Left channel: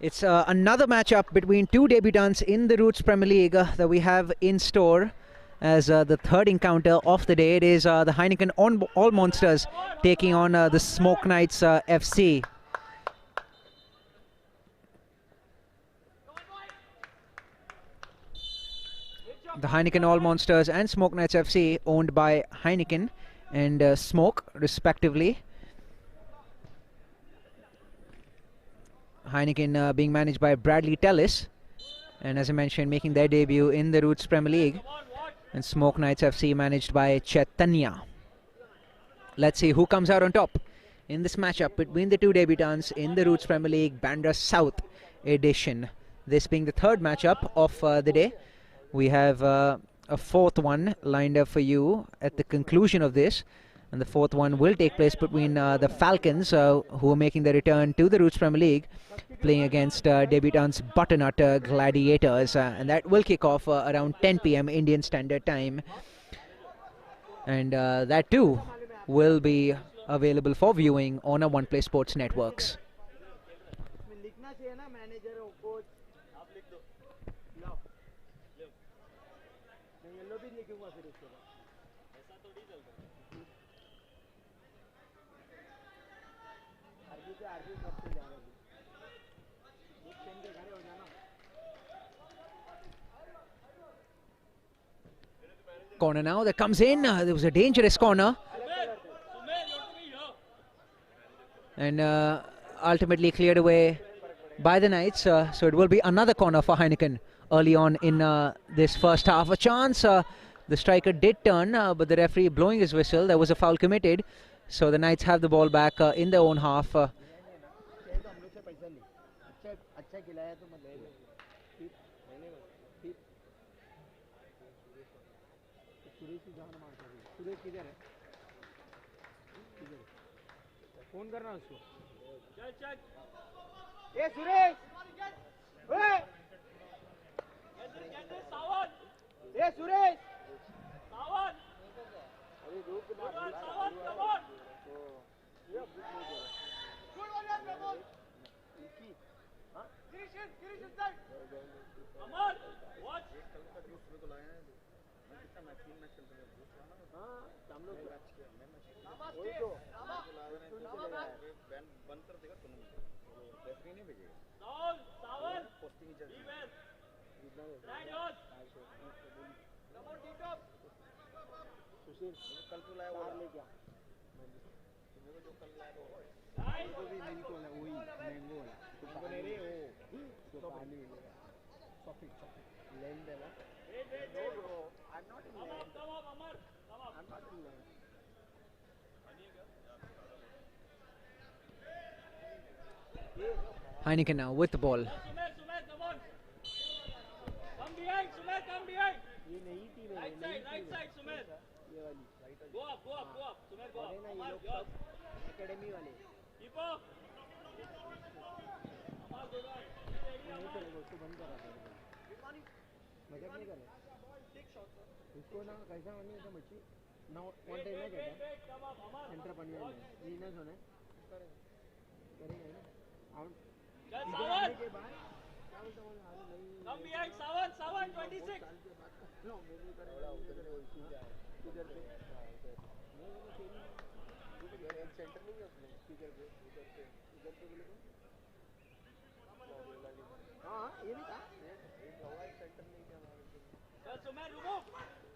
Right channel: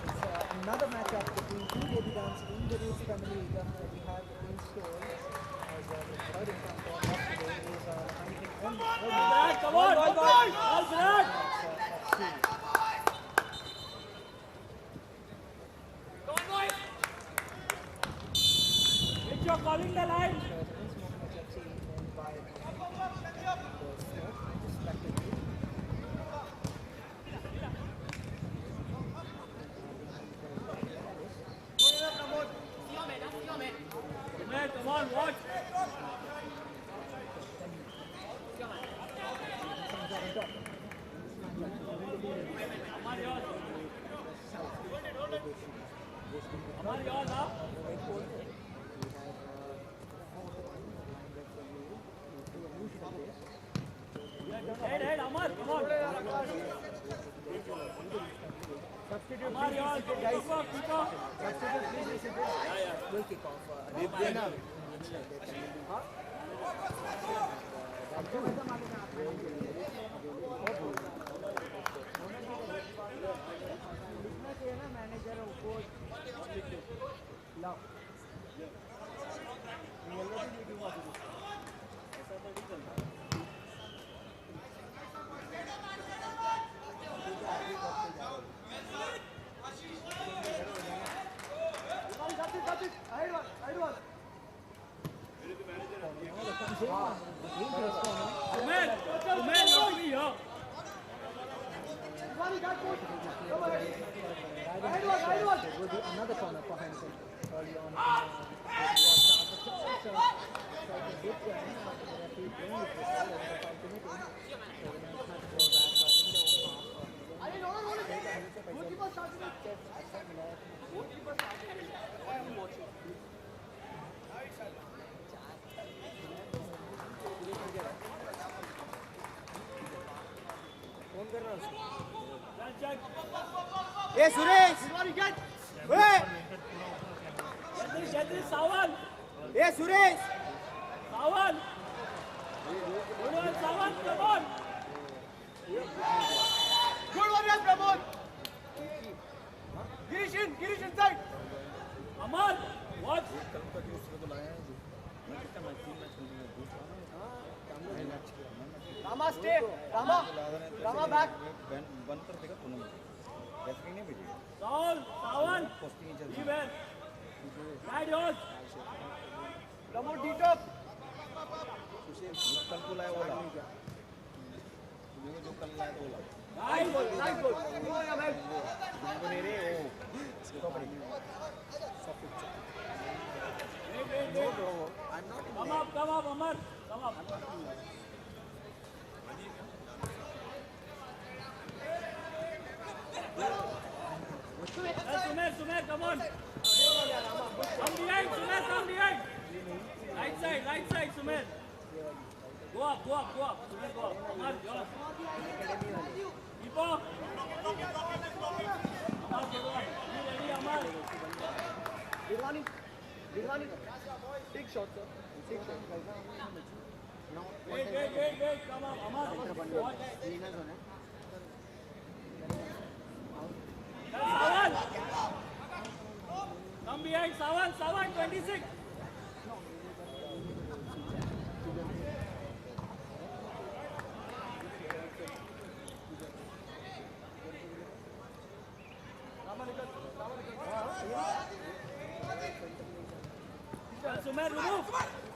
It's another matchup between two debutants in the Roots Premier League that we have in store as the third encounter of the day. It is the Heineken All Monsters taking on the Smoke Knights FC. The Heineken All Monsters and Smoke Knights FC owned by Heineken and Smoke respectively. Heineken being managed by Bradley Tellis, and as I mentioned, making their debut in the Roots Premier League, and Smoke Knights FC managed by Chaitanya. Let's see who comes out on top in this matchup between the two debutants in the Roots Premier League Bandra South edition. This being the third matchup of the day. We have a fourth one lined up for you at the conclusion of this, and the fourth one will take place between the Falcons, who are making their return to the Roots Premier League, playing against debutants Butternut Gladiators, and that will kick off around 10 p.m. Indian Standard Time, and that too will be available for viewing on our OnePlay Sports networks. Corner now that comes in. There was a dangerous corner, and ultimately cleared away by the Knights. So it will be another corner for Heineken early on in this first half. A chance. The striker did turn, but the referee blowing his whistle. There was a foul committed. So the Knights have the ball back in their own half. Hey Suresh! Hey! Sawan! Hey Suresh! Sawan! Sawan, come on! Good one, yes, Pramod! Girish inside! Aman! What? Rama stay! Rama back! Sawan! Be well! Ride on! Pramod D-top! कल को लाया बोला जो कल लाया तो बोला nice goal तुमको नहीं रे वो come up Amar come up Heineken now with the ball. Sumer come on come behind Sumer come behind right side Sumer Go up. Sumer, go up. Amar, yours. Keep up. Amar, go on. Be ready, Amar. Dirwani. Big shot, sir. Wait. Come on, Amar. Watch. Sawan. Come behind, Sawan, 26.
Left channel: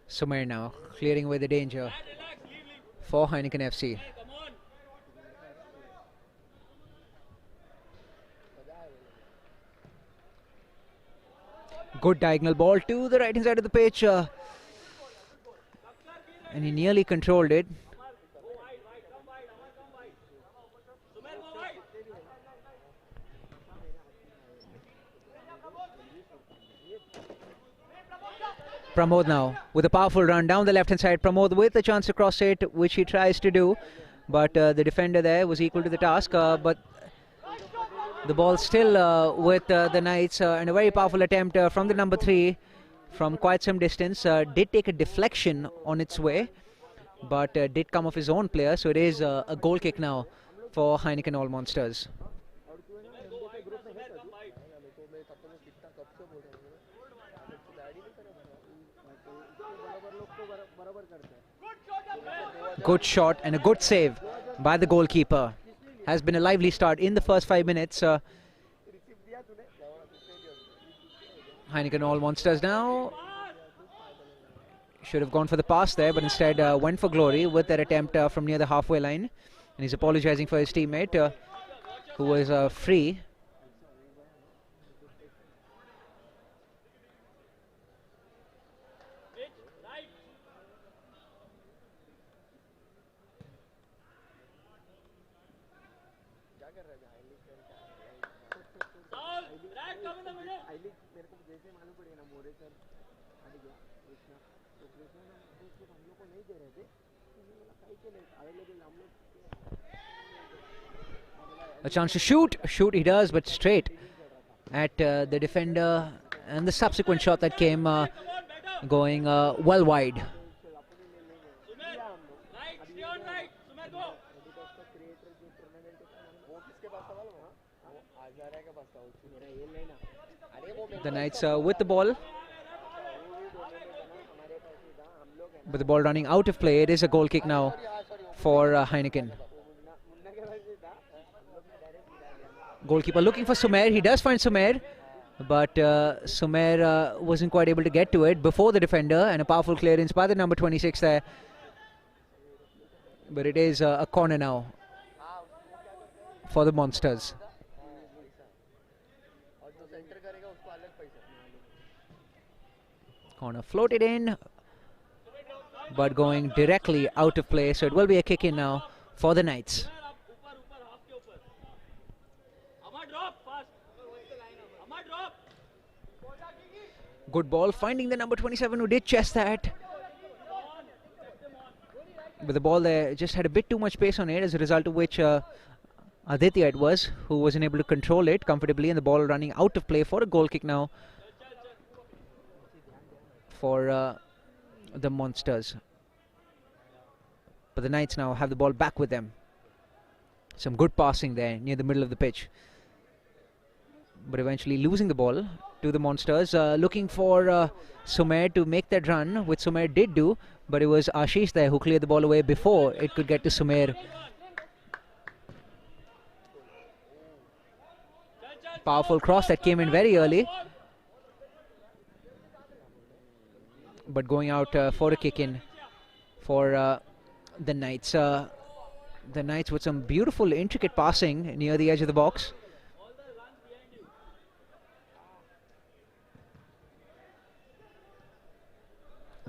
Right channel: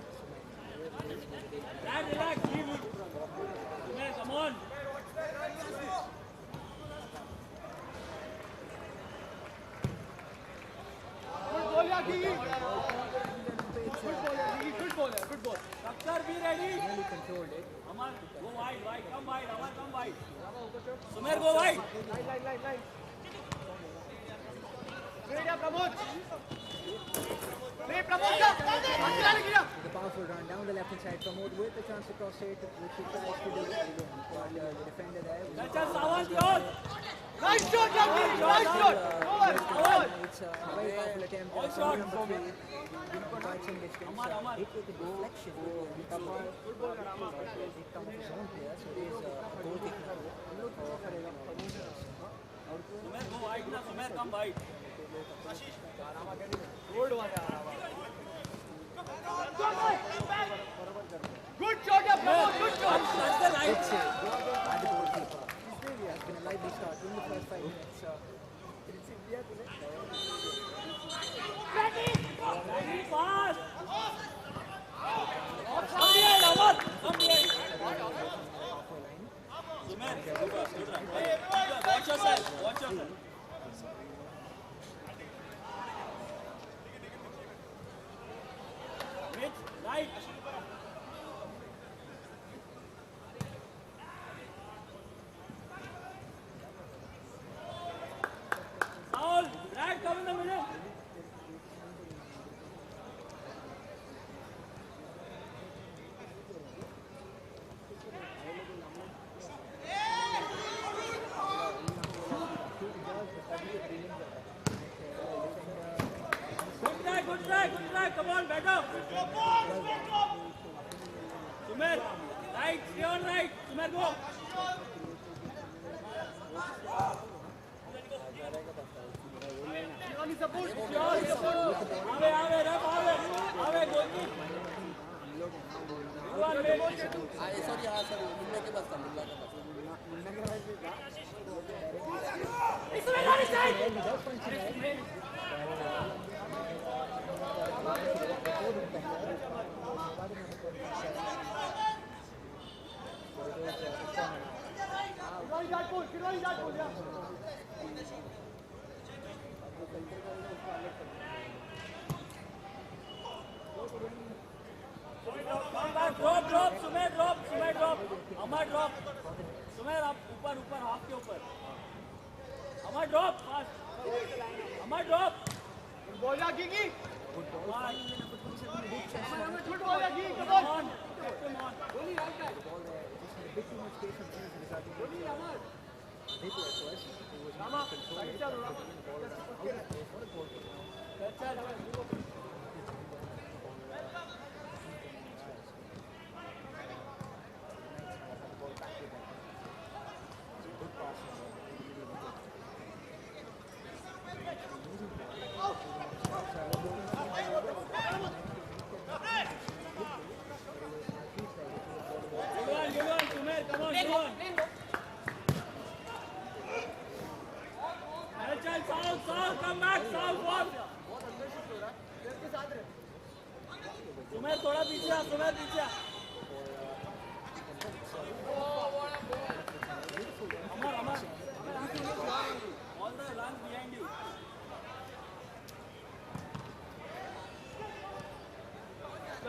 Sumer now clearing away the danger for Heineken FC. Good diagonal ball to the right hand side of the pitch, and he nearly controlled it. Go wide, come wide. Sumer, go wide. Pramod now with a powerful run down the left hand side. Pramod with a chance to cross it, which he tries to do, but the defender there was equal to the task. But the ball still with the Knights, and a very powerful attempt from the number 3 from quite some distance. Did take a deflection on its way, but did come off his own player. So it is a goal kick now for Heineken All Monsters. come wide. Hold one. Good shot and a good save by the goalkeeper. Has been a lively start in the first 5 minutes. Heineken all monsters now. Should have gone for the pass there, but instead went for glory with that attempt from near the halfway line. And he's apologizing for his teammate who was free. Right. Foul. Right, come in the middle. A chance to shoot. Shoot he does, but straight at the defender. And the subsequent shot that came going well wide. Sumer, right, stay on right. Sumer, go. The Knights with the ball. But the ball running out of play. It is a goal kick now for Heineken. Goalkeeper looking for Sumer. He does find Sumer, but Sumer wasn't quite able to get to it before the defender, and a powerful clearance by the number 26 there. But it is a corner now for the Monsters. Corner floated in, but going directly out of play, so it will be a kick in now for the Knights. Good ball, finding the number 27 who did chest that. But the ball there just had a bit too much pace on it, as a result of which Aditya it was, who wasn't able to control it comfortably, and the ball running out of play for a goal kick now for the Monsters. But the Knights now have the ball back with them. Some good passing there near the middle of the pitch. But eventually losing the ball to the Monsters, looking for Sumer to make that run, which Sumer did do, but it was Ashish there who cleared the ball away before it could get to Sumer. Powerful cross that came in very early, but going out for a kick in for the Knights. The Knights with some beautiful intricate passing near the edge of the box.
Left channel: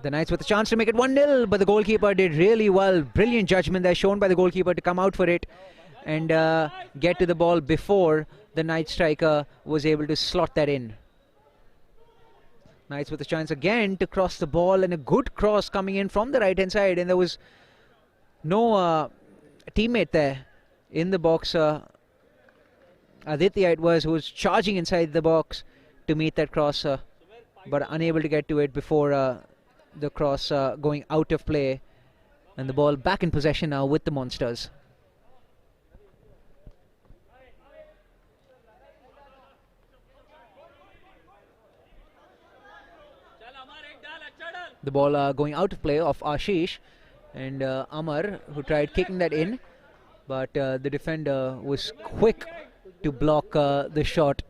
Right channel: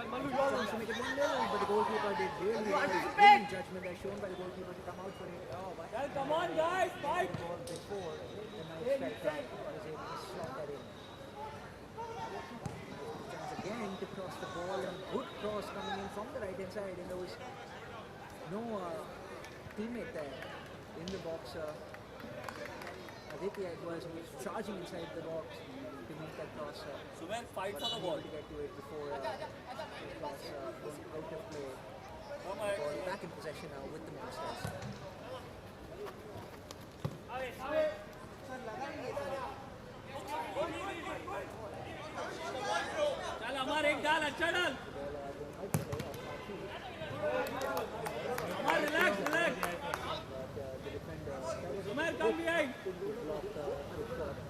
The Knights with a chance to make it 1-0, but the goalkeeper did really well. Brilliant judgment there shown by the goalkeeper to come out for it and get to the ball before the Knight striker was able to slot that in. Knights with a chance again to cross the ball, and a good cross coming in from the right hand side, and there was no teammate there in the box. Aditya it was, who was charging inside the box to meet that cross, but unable to get to it before the cross going out of play, and the ball back in possession now with the Monsters. The ball going out of play of Ashish, and Amar, who tried kicking that in, but the defender was quick to block the shot.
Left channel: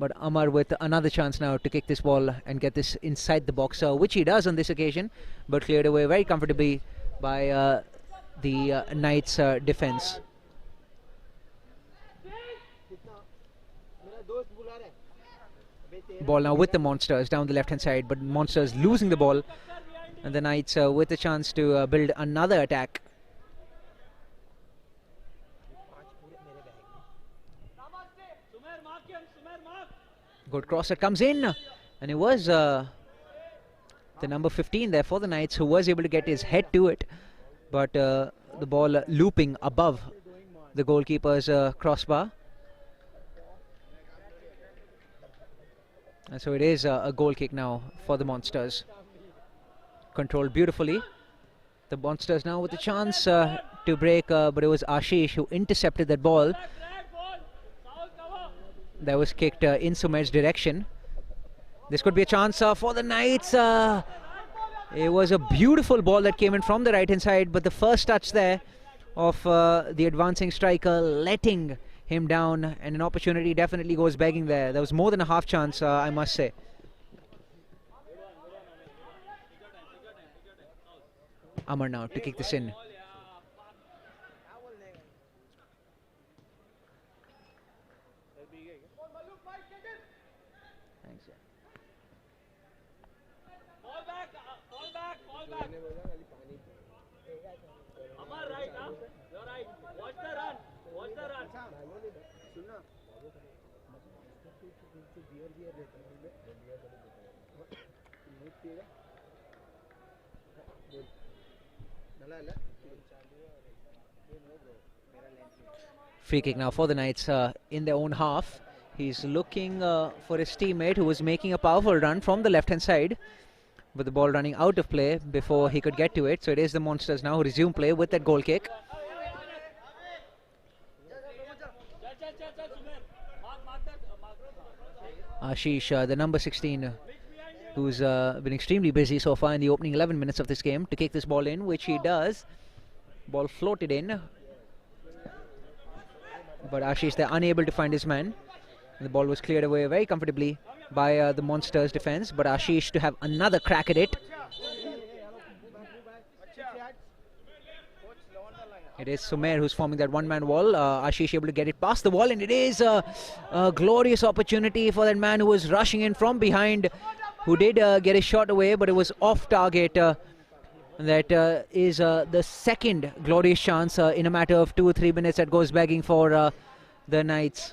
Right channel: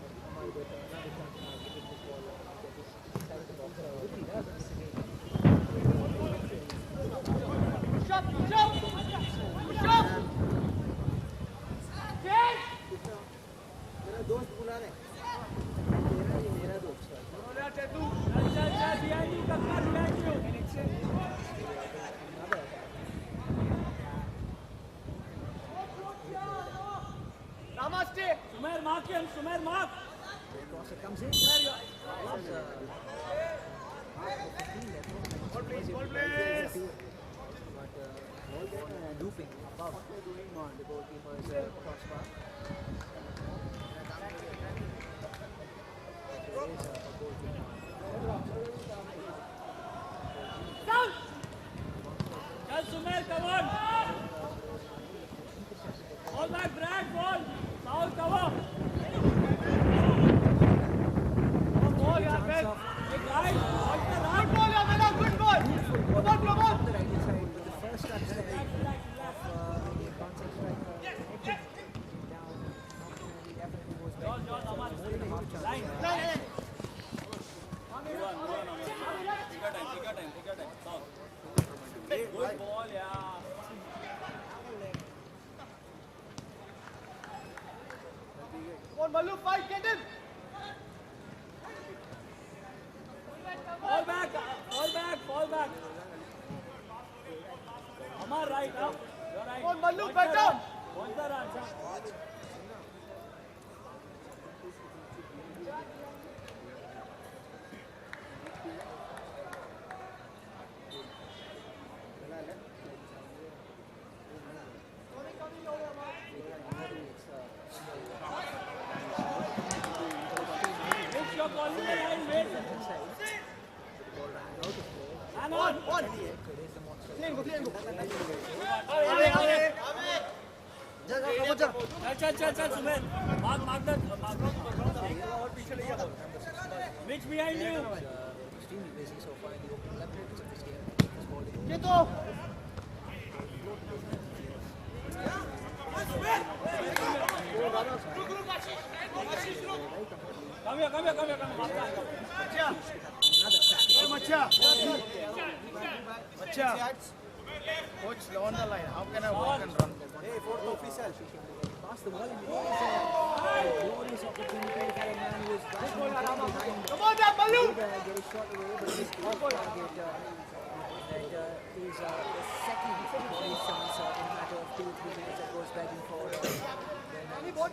But Amar with another chance now to kick this ball and get this inside the box, which he does on this occasion, but cleared away very comfortably by the Knights' defense. Ball now with the Monsters down the left hand side, but Monsters losing the ball. The Knights with the chance to build another attack. Good cross that comes in, and it was the number 15 there for the Knights who was able to get his head to it, but the ball looping above the goalkeeper's crossbar. And so it is a goal kick now for the Monsters. Controlled beautifully. The Monsters now with a chance to break, but it was Ashish who intercepted that ball. that was kicked in Sumer's direction. This could be a chance for the Knights. It was a beautiful ball that came in from the right hand side, but the first touch there of the advancing striker letting him down, and an opportunity definitely goes begging there. There was more than a half chance, I must say. Amar now to kick this in. Fall back, fall back, fall back. Amar, right up. You're right. Watch the run. Watch the run, sir. Free kick now for the Knights in their own half. He's looking for his teammate who was making a powerful run from the left-hand side, with the ball running out of play before he could get to it. So it is the Monsters now who resume play with that goal kick. Ashish, the number 16, who's been extremely busy so far in the opening 11 minutes of this game, to kick this ball in, which he does. Ball floated in, but Ashish, they're unable to find his man. The ball was cleared away very comfortably by the Monsters defense, but Ashish to have another crack at it. It is Sumer who's forming that one-man wall. Ashish able to get it past the wall, and it is a glorious opportunity for that man who was rushing in from behind, who did get his shot away, but it was off target. That is the second glorious chance in a matter of 2 or 3 minutes that goes begging for the Knights.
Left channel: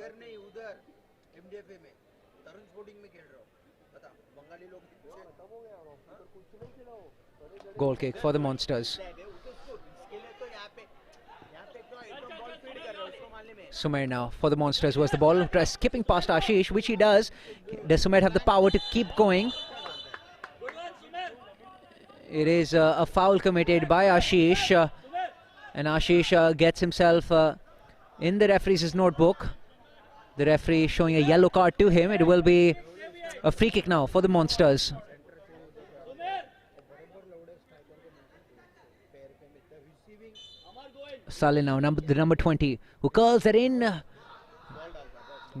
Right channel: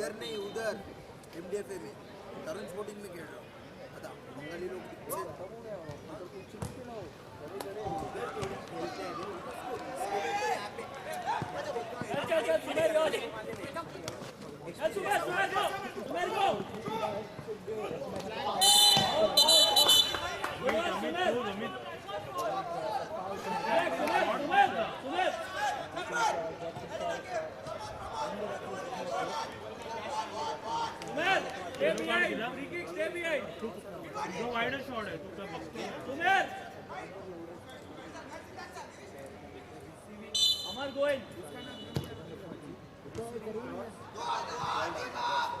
इधर नहीं उधर एमडीएफए में तरुण sporting में खेल रहा हूँ पता बंगाली लोग Goal kick for the Monsters. Sumer now for the Monsters was the ball, skipping past Ashish, which he does. Does Sumer have the power to keep going? It is a foul committed by Ashish, and Ashish gets himself in the referee's notebook. The referee showing a yellow card to him. It will be a free kick now for the Monsters. Salil now, the number 20, who curls that in,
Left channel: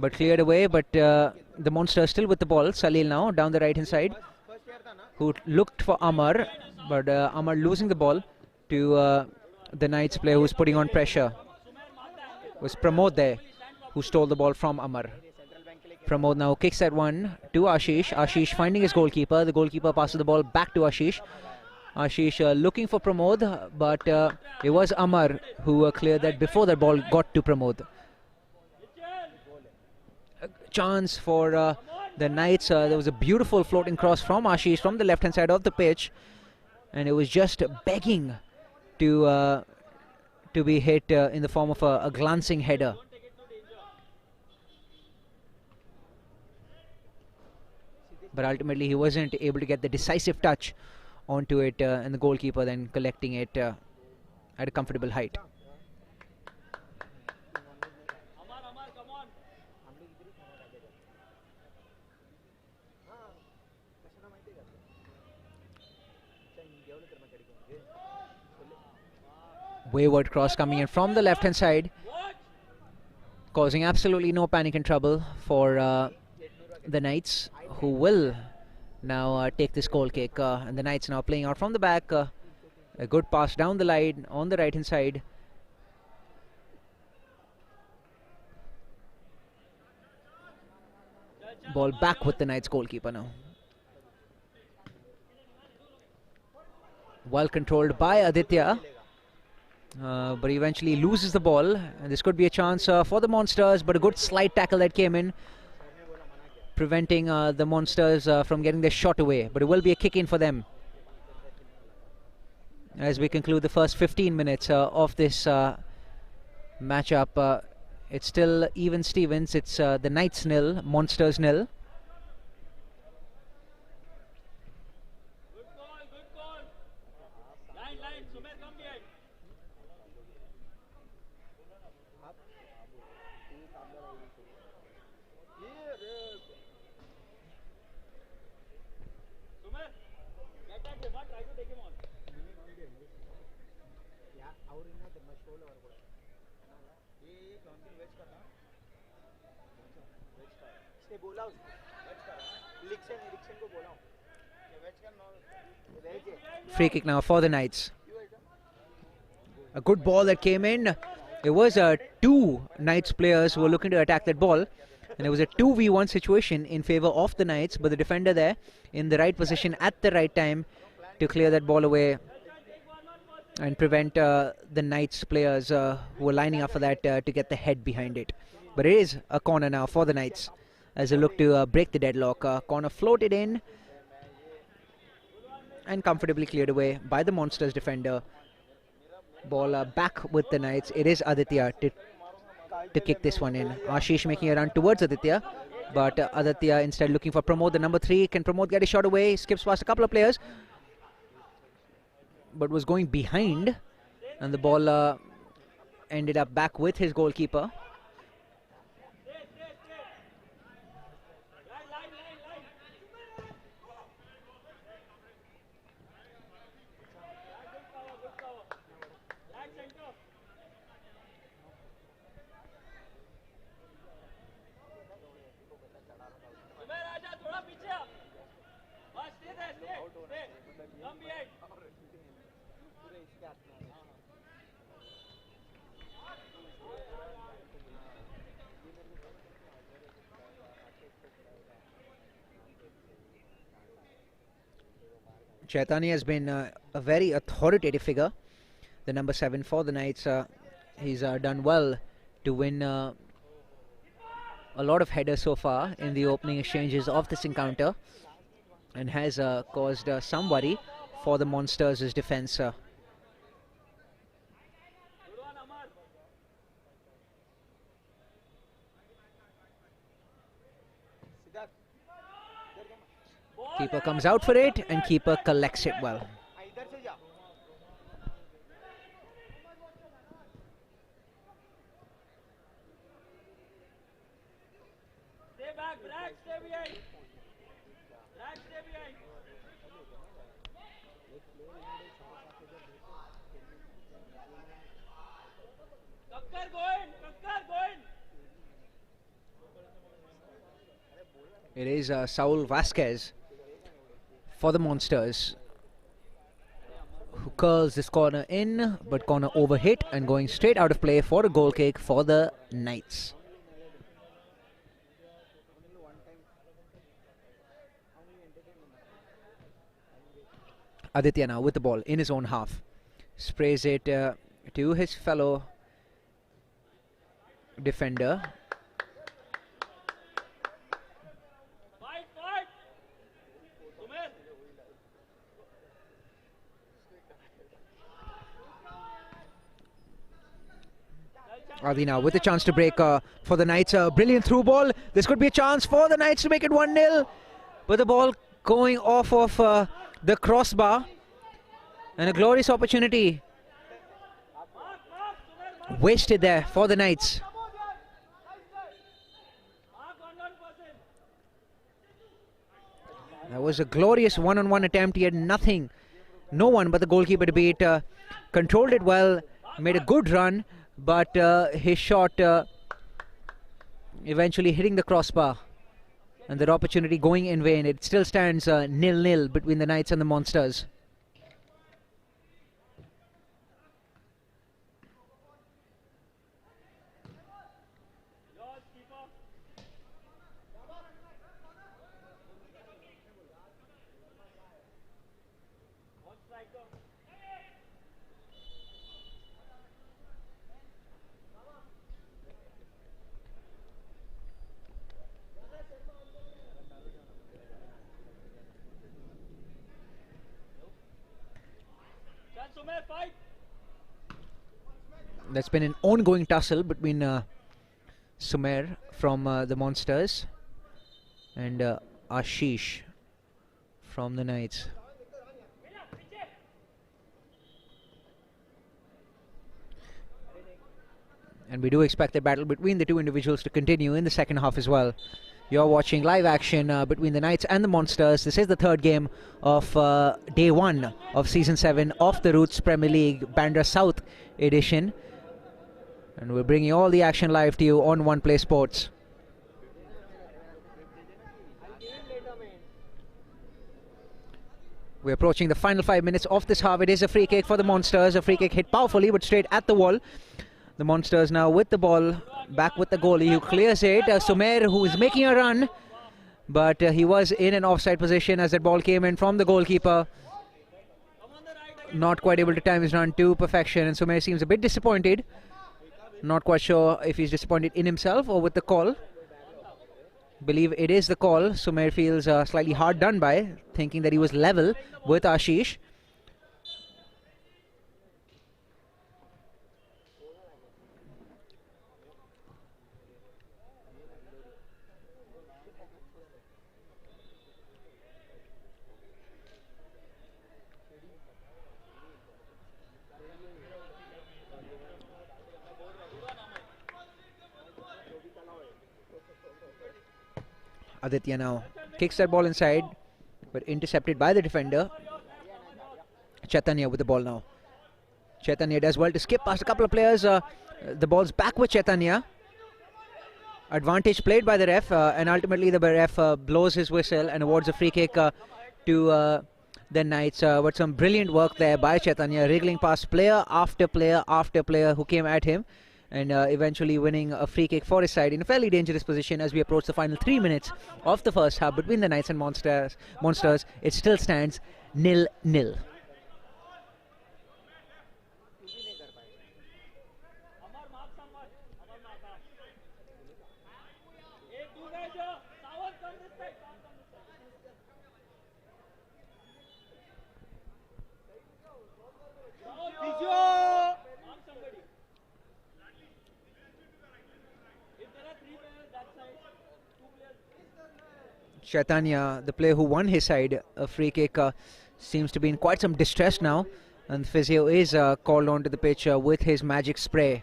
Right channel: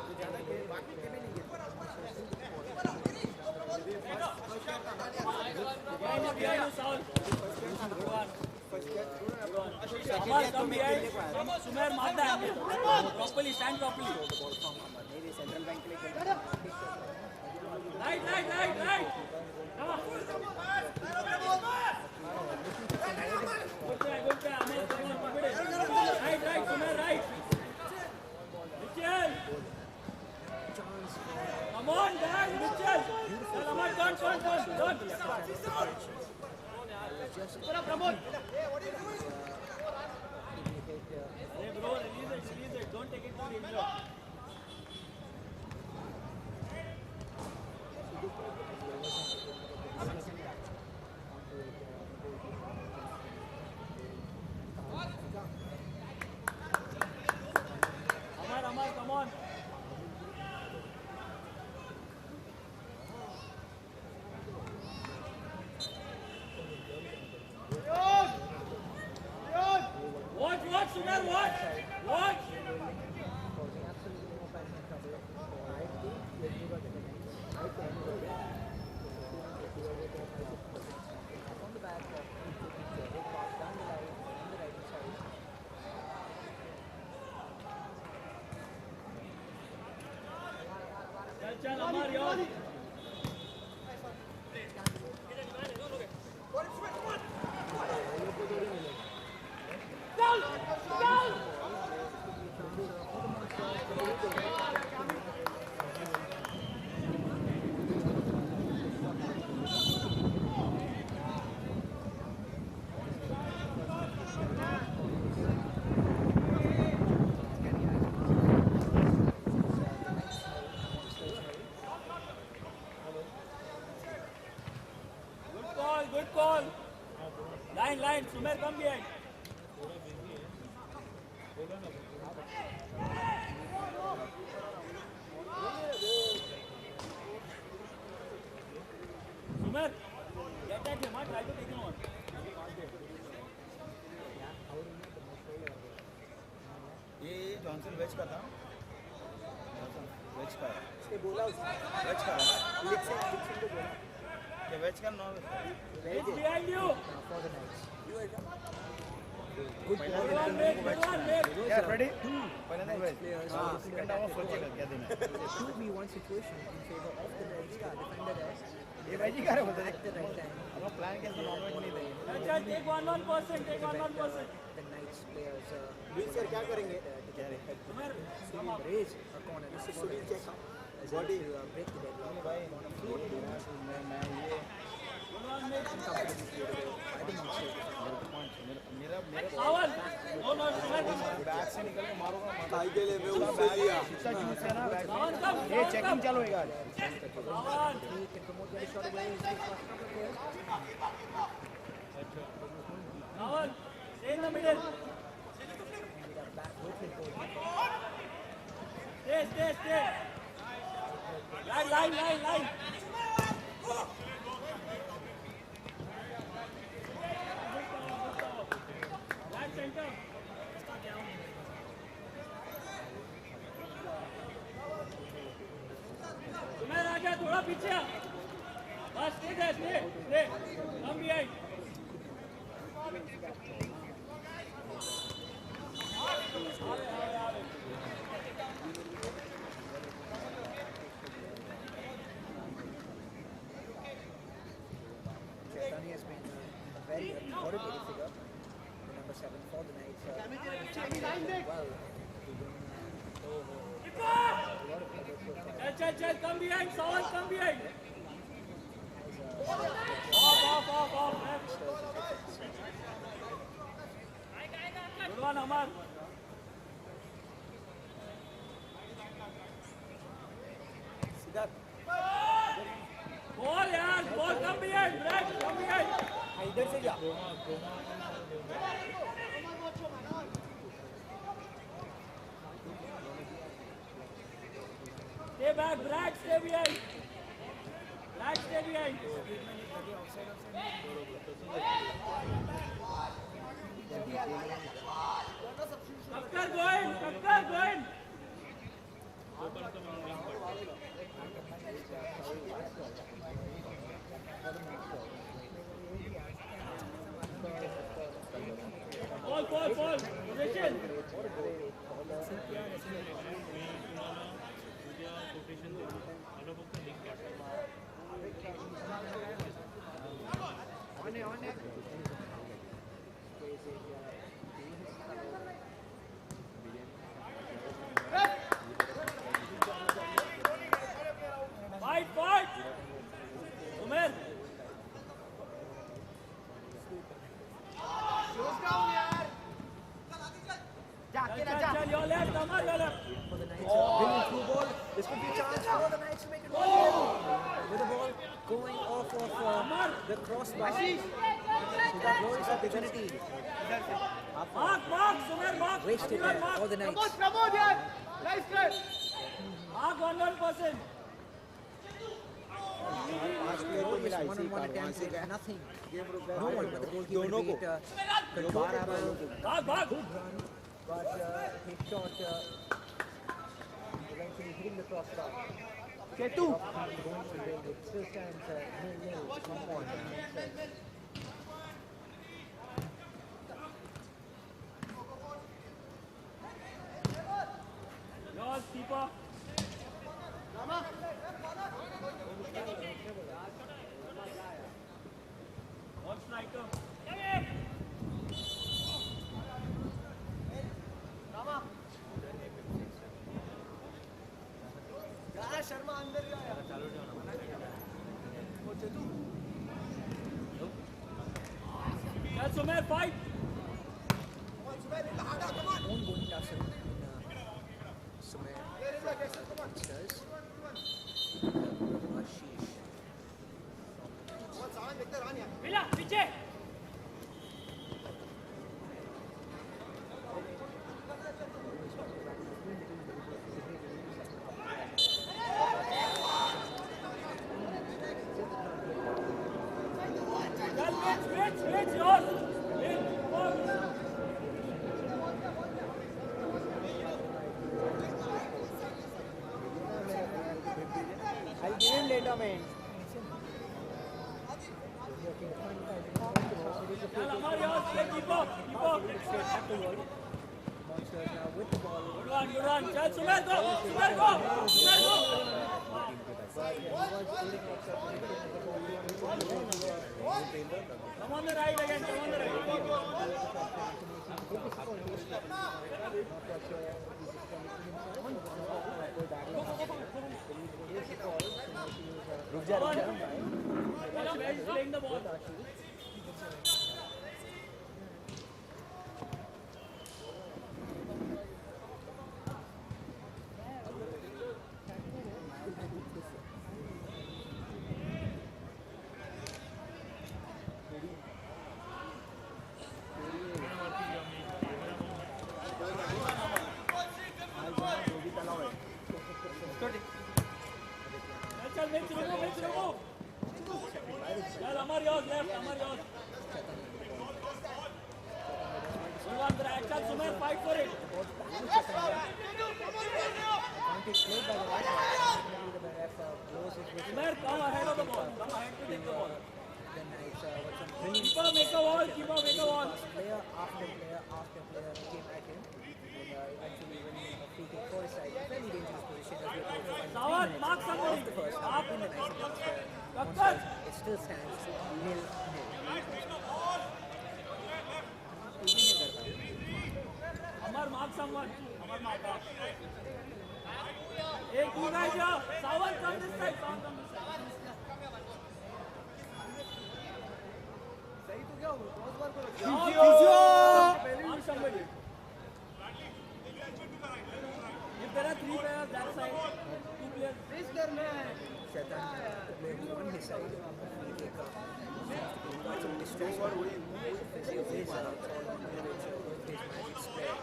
but cleared away. But the Monsters still with the ball. Salil now down the right hand side, who looked for Amar, but Amar losing the ball to the Knights player who's putting on pressure. It was Pramod there who stole the ball from Amar. Pramod now kicks that one to Ashish. Ashish finding his goalkeeper. The goalkeeper passes the ball back to Ashish. Ashish looking for Pramod, but it was Amar who cleared that before the ball got to Pramod. A chance for the Knights. There was a beautiful floating cross from Ashish from the left hand side of the pitch, and it was just begging to be hit in the form of a glancing header. But ultimately he wasn't able to get the decisive touch onto it, and the goalkeeper then collecting it at a comfortable height. Amar, come on. Wayward cross coming in from the left hand side, causing absolutely no panic and trouble for the Knights, who will now take this goal kick. And the Knights now playing out from the back. A good pass down the line on the right hand side. Ball back with the Knights goalkeeper now. Well controlled by Aditya, but eventually loses the ball. And this could be a chance for the Monsters, but a good slide tackle that came in preventing the Monsters from getting their shot away. But it will be a kick in for them as we conclude the first 15 minutes of this matchup. It's still even Stevens. It's the Knights nil, Monsters nil. Good call, good call. Line, Sumer, come behind. Sumer, get that him, try to take him on. ये Johnson veg का था veg का इसने बोला veg का ये veg का non Free kick now for the Knights. A good ball that came in. There was two Knights players who were looking to attack that ball, and it was a 2v1 situation in favor of the Knights, but the defender there in the right position at the right time to clear that ball away and prevent the Knights players who were lining up for that to get the head behind it. But it is a corner now for the Knights as they look to break the deadlock. Corner floated in and comfortably cleared away by the Monsters defender. Ball back with the Knights. It is Aditya to kick this one in. Ashish making a run towards Aditya, but Aditya instead looking for Pramod, the number 3. Can Pramod get a shot away? Skips past a couple of players, but was going behind, and the ball ended up back with his goalkeeper. Stay. Line. थोड़ा पीछे बस stay come behind Chaitanya has been a very authoritative figure, the number 7 for the Knights. He's done well to win a lot of headers so far in the opening exchanges of this encounter, and has caused some worry for the Monsters' defence. good one Amar Keeper comes out for it, and keeper collects it well. stay back Brad stay behind Kakkar going It is Saul Vasquez for the Monsters, who curls this corner in, but corner overhit and going straight out of play for a goal kick for the Knights. Aditya now with the ball in his own half, sprays it to his fellow defender. fight Sumer Adi now with a chance to break for the Knights. A brilliant through ball. This could be a chance for the Knights to make it 1-0. But the ball going off of the crossbar. And a glorious opportunity wasted there for the Knights. It was a glorious one-on-one attempt. He had nothing, no one but the goalkeeper to beat. Controlled it well, made a good run, but his shot eventually hitting the crossbar, and that opportunity going in vain. It still stands 0-0 between the Knights and the Monsters. yours keeper one striker Sharma अंदर ही आया There's been an ongoing tussle between Sumer from the Monsters and Ashish from the Knights. And we do expect the battle between the two individuals to continue in the second half as well. You're watching live action between the Knights and the Monsters. This is the third game of day 1 of Season 7 of the Roots Premier League Bandra South edition. And we're bringing all the action live to you on One Play Sports. We're approaching the final 5 minutes of this half. It is a free kick for the Monsters. A free kick hit powerfully but straight at the wall. The Monsters now with the ball, back with the goalie who clears it. Sumer, who is making a run, but he was in an offside position as that ball came in from the goalkeeper. Not quite able to time his run to perfection, and Sumer seems a bit disappointed. Not quite sure if he's disappointed in himself or with the call. Believe it is the call. Sumer feels slightly hard done by, thinking that he was level with Ashish. Aditya now kicks that ball inside, but intercepted by the defender. Chaitanya with the ball now. Chaitanya does well to skip past a couple of players. The ball's back with Chaitanya. Advantage played by the ref, and ultimately the ref blows his whistle and awards a free kick to the Knights. But some brilliant work there by Chaitanya, wriggling past player after player after player who came at him, and eventually winning a free kick for his side in a fairly dangerous position as we approach the final 3 minutes of the first half between the Knights and Monsters. It still stands 0-0. Chaitanya, the player who won his side a free kick, seems to be in quite some distress now, and the physio is called onto the pitch with his magic spray.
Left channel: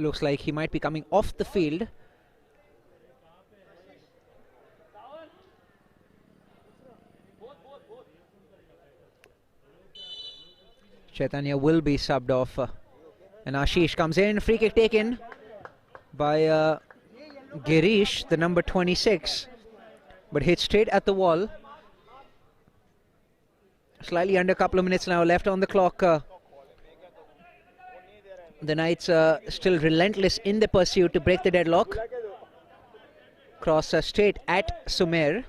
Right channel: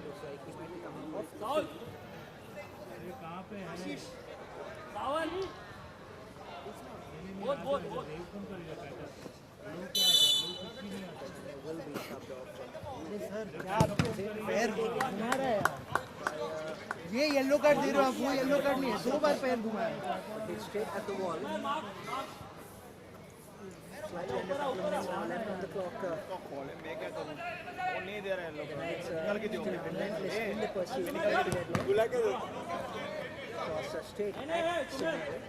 Looks like he might be coming off the field. Chaitanya will be subbed off, and Ashish comes in. Free kick taken by Girish, the number 26, but hit straight at the wall. Slightly under a couple of minutes now left on the clock. The Knights still relentless in the pursuit to break the deadlock. Cross straight at Sumer,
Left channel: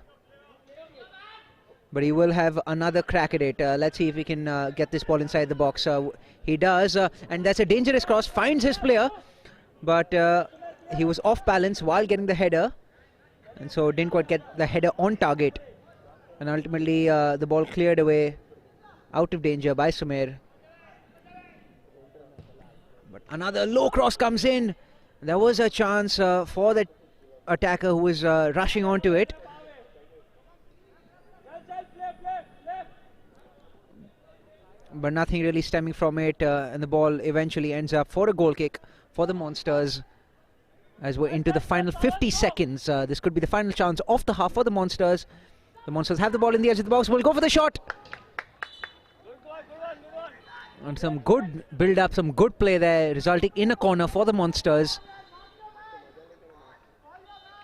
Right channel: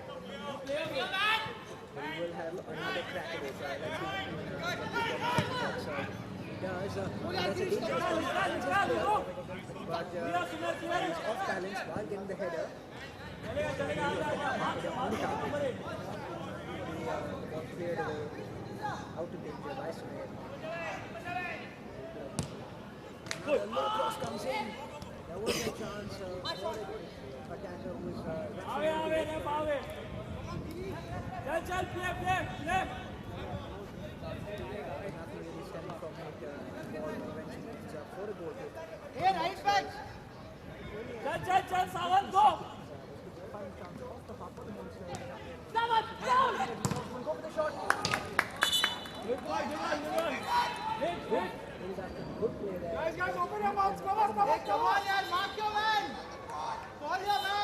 but he will have another crack at it. Let's see if he can get this ball inside the box. He does, and that's a dangerous cross. Finds his player, but he was off balance while getting the header, and so didn't quite get the header on target. And ultimately, the ball cleared away out of danger by Sumer. Another low cross comes in. There was a chance for the attacker who was rushing onto it. But nothing really stemming from it, and the ball eventually ends up for a goal kick for the Monsters. As we're into the final 50 seconds, this could be the final chance of the half for the Monsters. The Monsters have the ball in the edge of the box. Will go for the shot. And some good build-up, some good play there, resulting in a corner for the Monsters.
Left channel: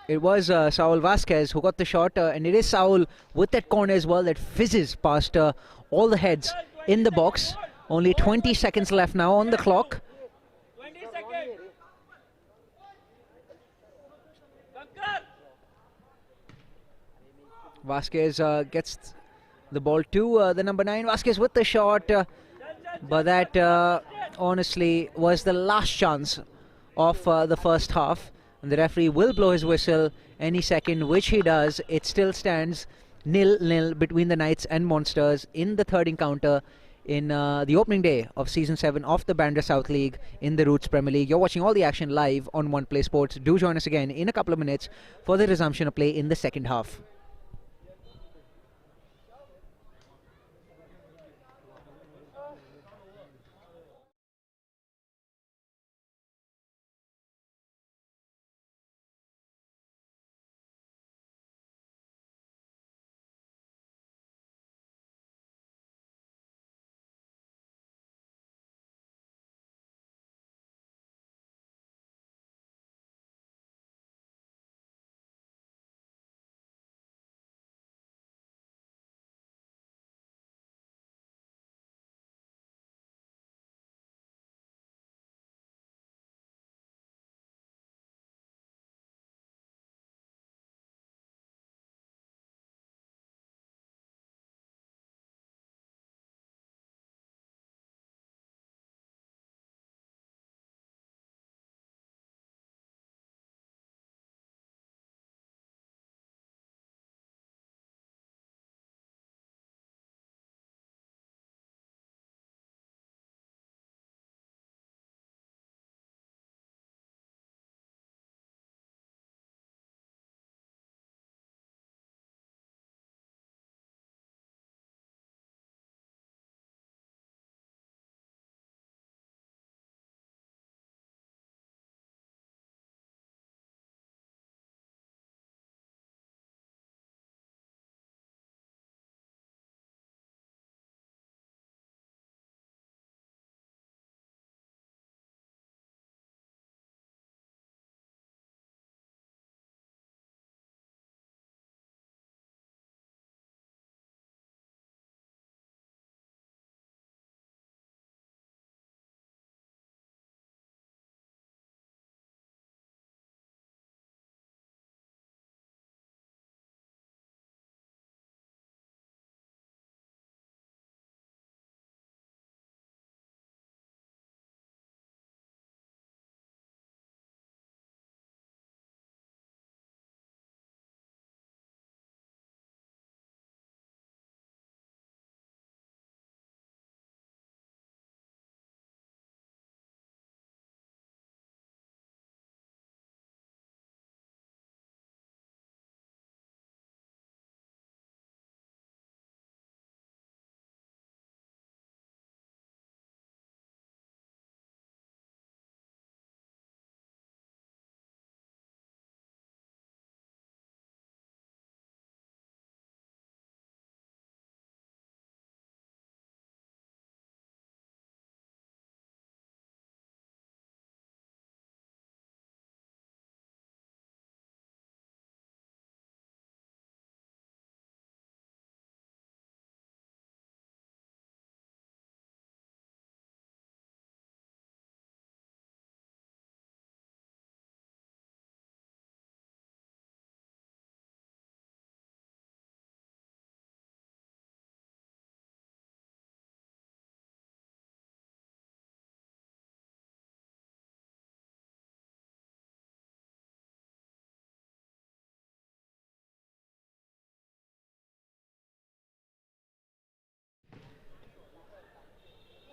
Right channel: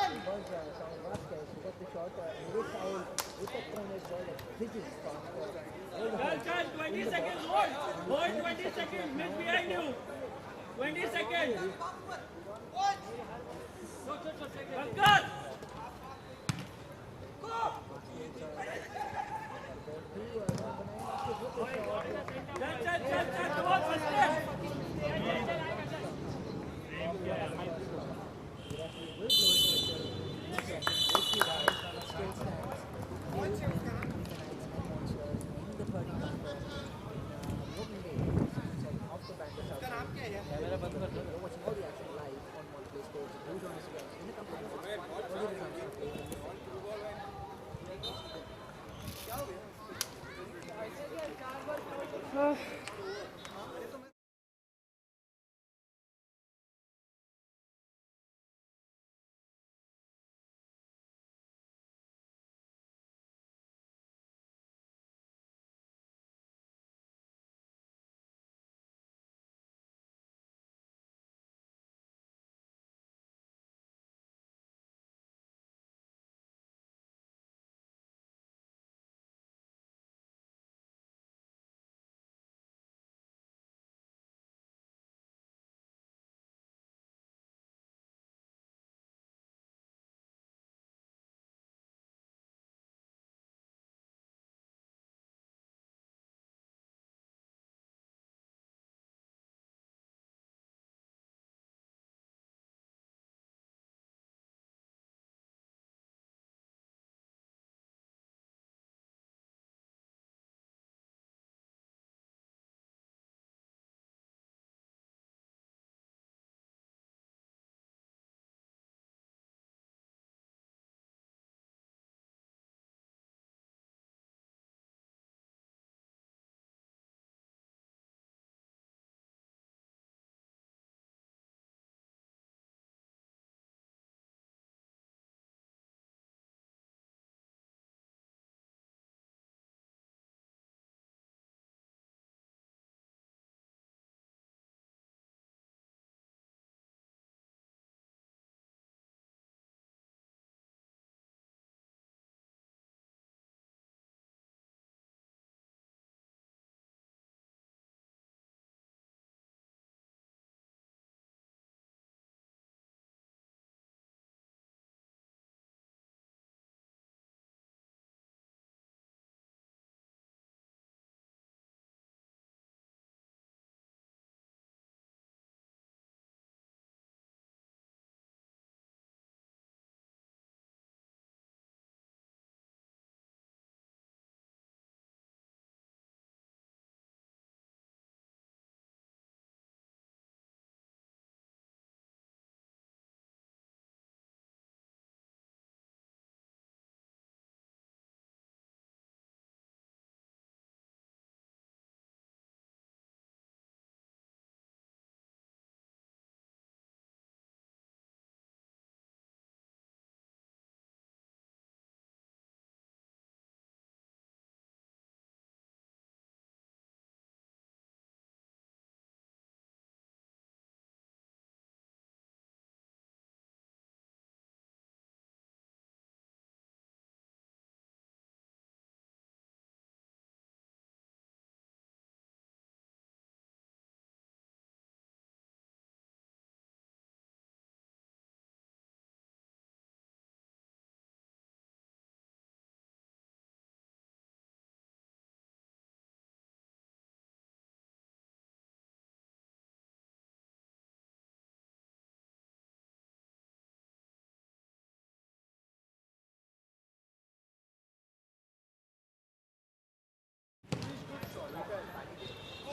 It was Saul Vasquez who got the shot, and it is Saul with that corner as well that fizzes past all the heads in the box. Only 20 seconds left now on the clock. 20 seconds. Vasquez gets the ball to the number 9. Vasquez with the shot, but that honestly was the last chance of the first half. The referee will blow his whistle any second, which he does. It still stands 0-0 between the Knights and Monsters in the third encounter in the opening day of Season 7 of the Bandra South League in the Roots Premier League. You're watching all the action live on One Play Sports. Do join us again in a couple of minutes for the resumption of play in the second half.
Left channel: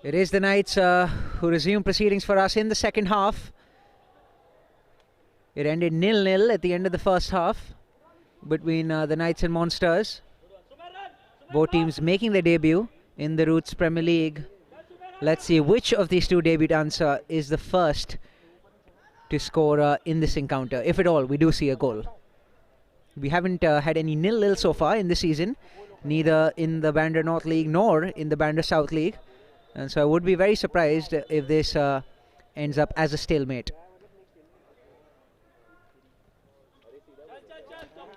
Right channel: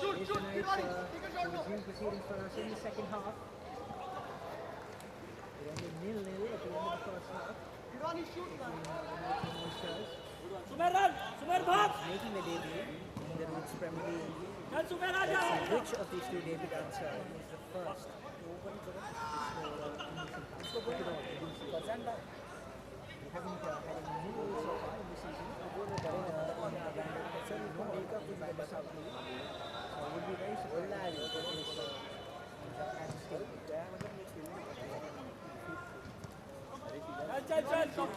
It is the Knights who resume proceedings for us in the second half. It ended 0-0 at the end of the first half between the Knights and Monsters. Both teams making their debut in the Roots Premier League. Let's see which of these two debutants is the first to score in this encounter. If at all, we do see a goal. We haven't had any 0-0 so far in this season, neither in the Bandra North League nor in the Bandra South League. And so I would be very surprised if this ends up as a stalemate.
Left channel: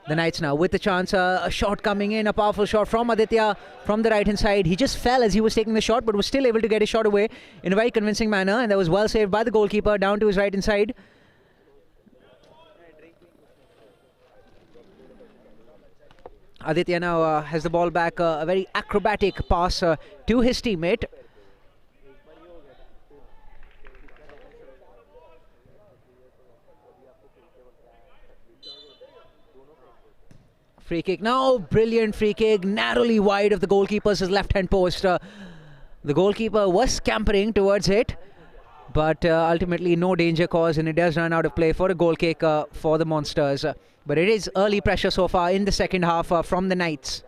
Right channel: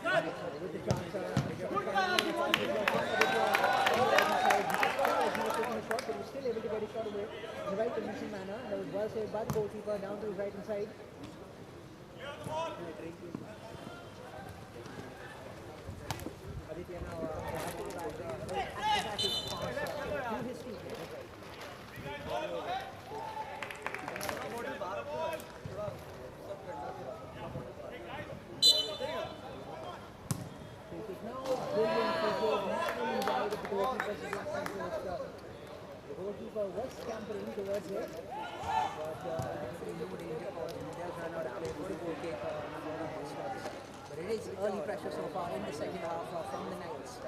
The Knights now with the chance, a shot coming in, a powerful shot from Aditya from the right hand side. He just fell as he was taking the shot, but was still able to get his shot away in a very convincing manner, and that was well saved by the goalkeeper down to his right hand side. Aditya now has the ball back, a very acrobatic pass to his teammate. Free kick now, brilliant free kick, narrowly wide of the goalkeeper's left-hand post. The goalkeeper was scampering towards it, but ultimately no danger caused, and it does run out of play for a goal kick for the Monsters. But it is early pressure so far in the second half from the Knights.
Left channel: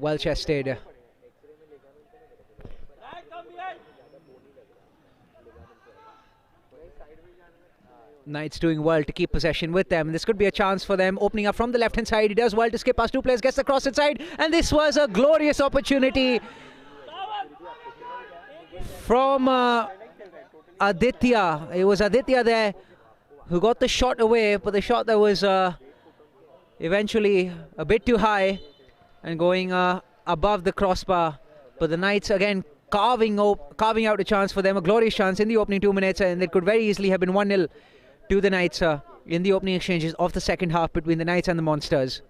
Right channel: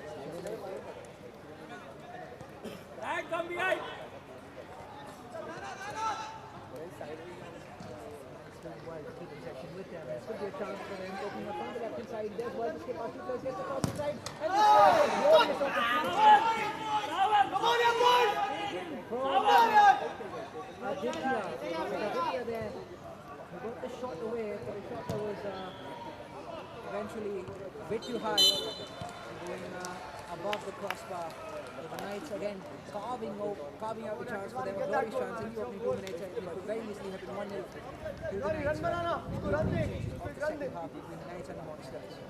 Well chested. Knights doing well to keep possession with them. This could be a chance for them, opening up from the left-hand side. He does well to skip past two players, gets the cross inside, and this was a glorious opportunity from Aditya. It was Aditya there who got the shot away, but the shot that was eventually a bit too high and going above the crossbar. But the Knights again carving out a chance for them, a glorious chance in the opening 2 minutes, and it could very easily have been 1-0 to the Knights in the opening exchanges of the second half between the Knights and the Monsters.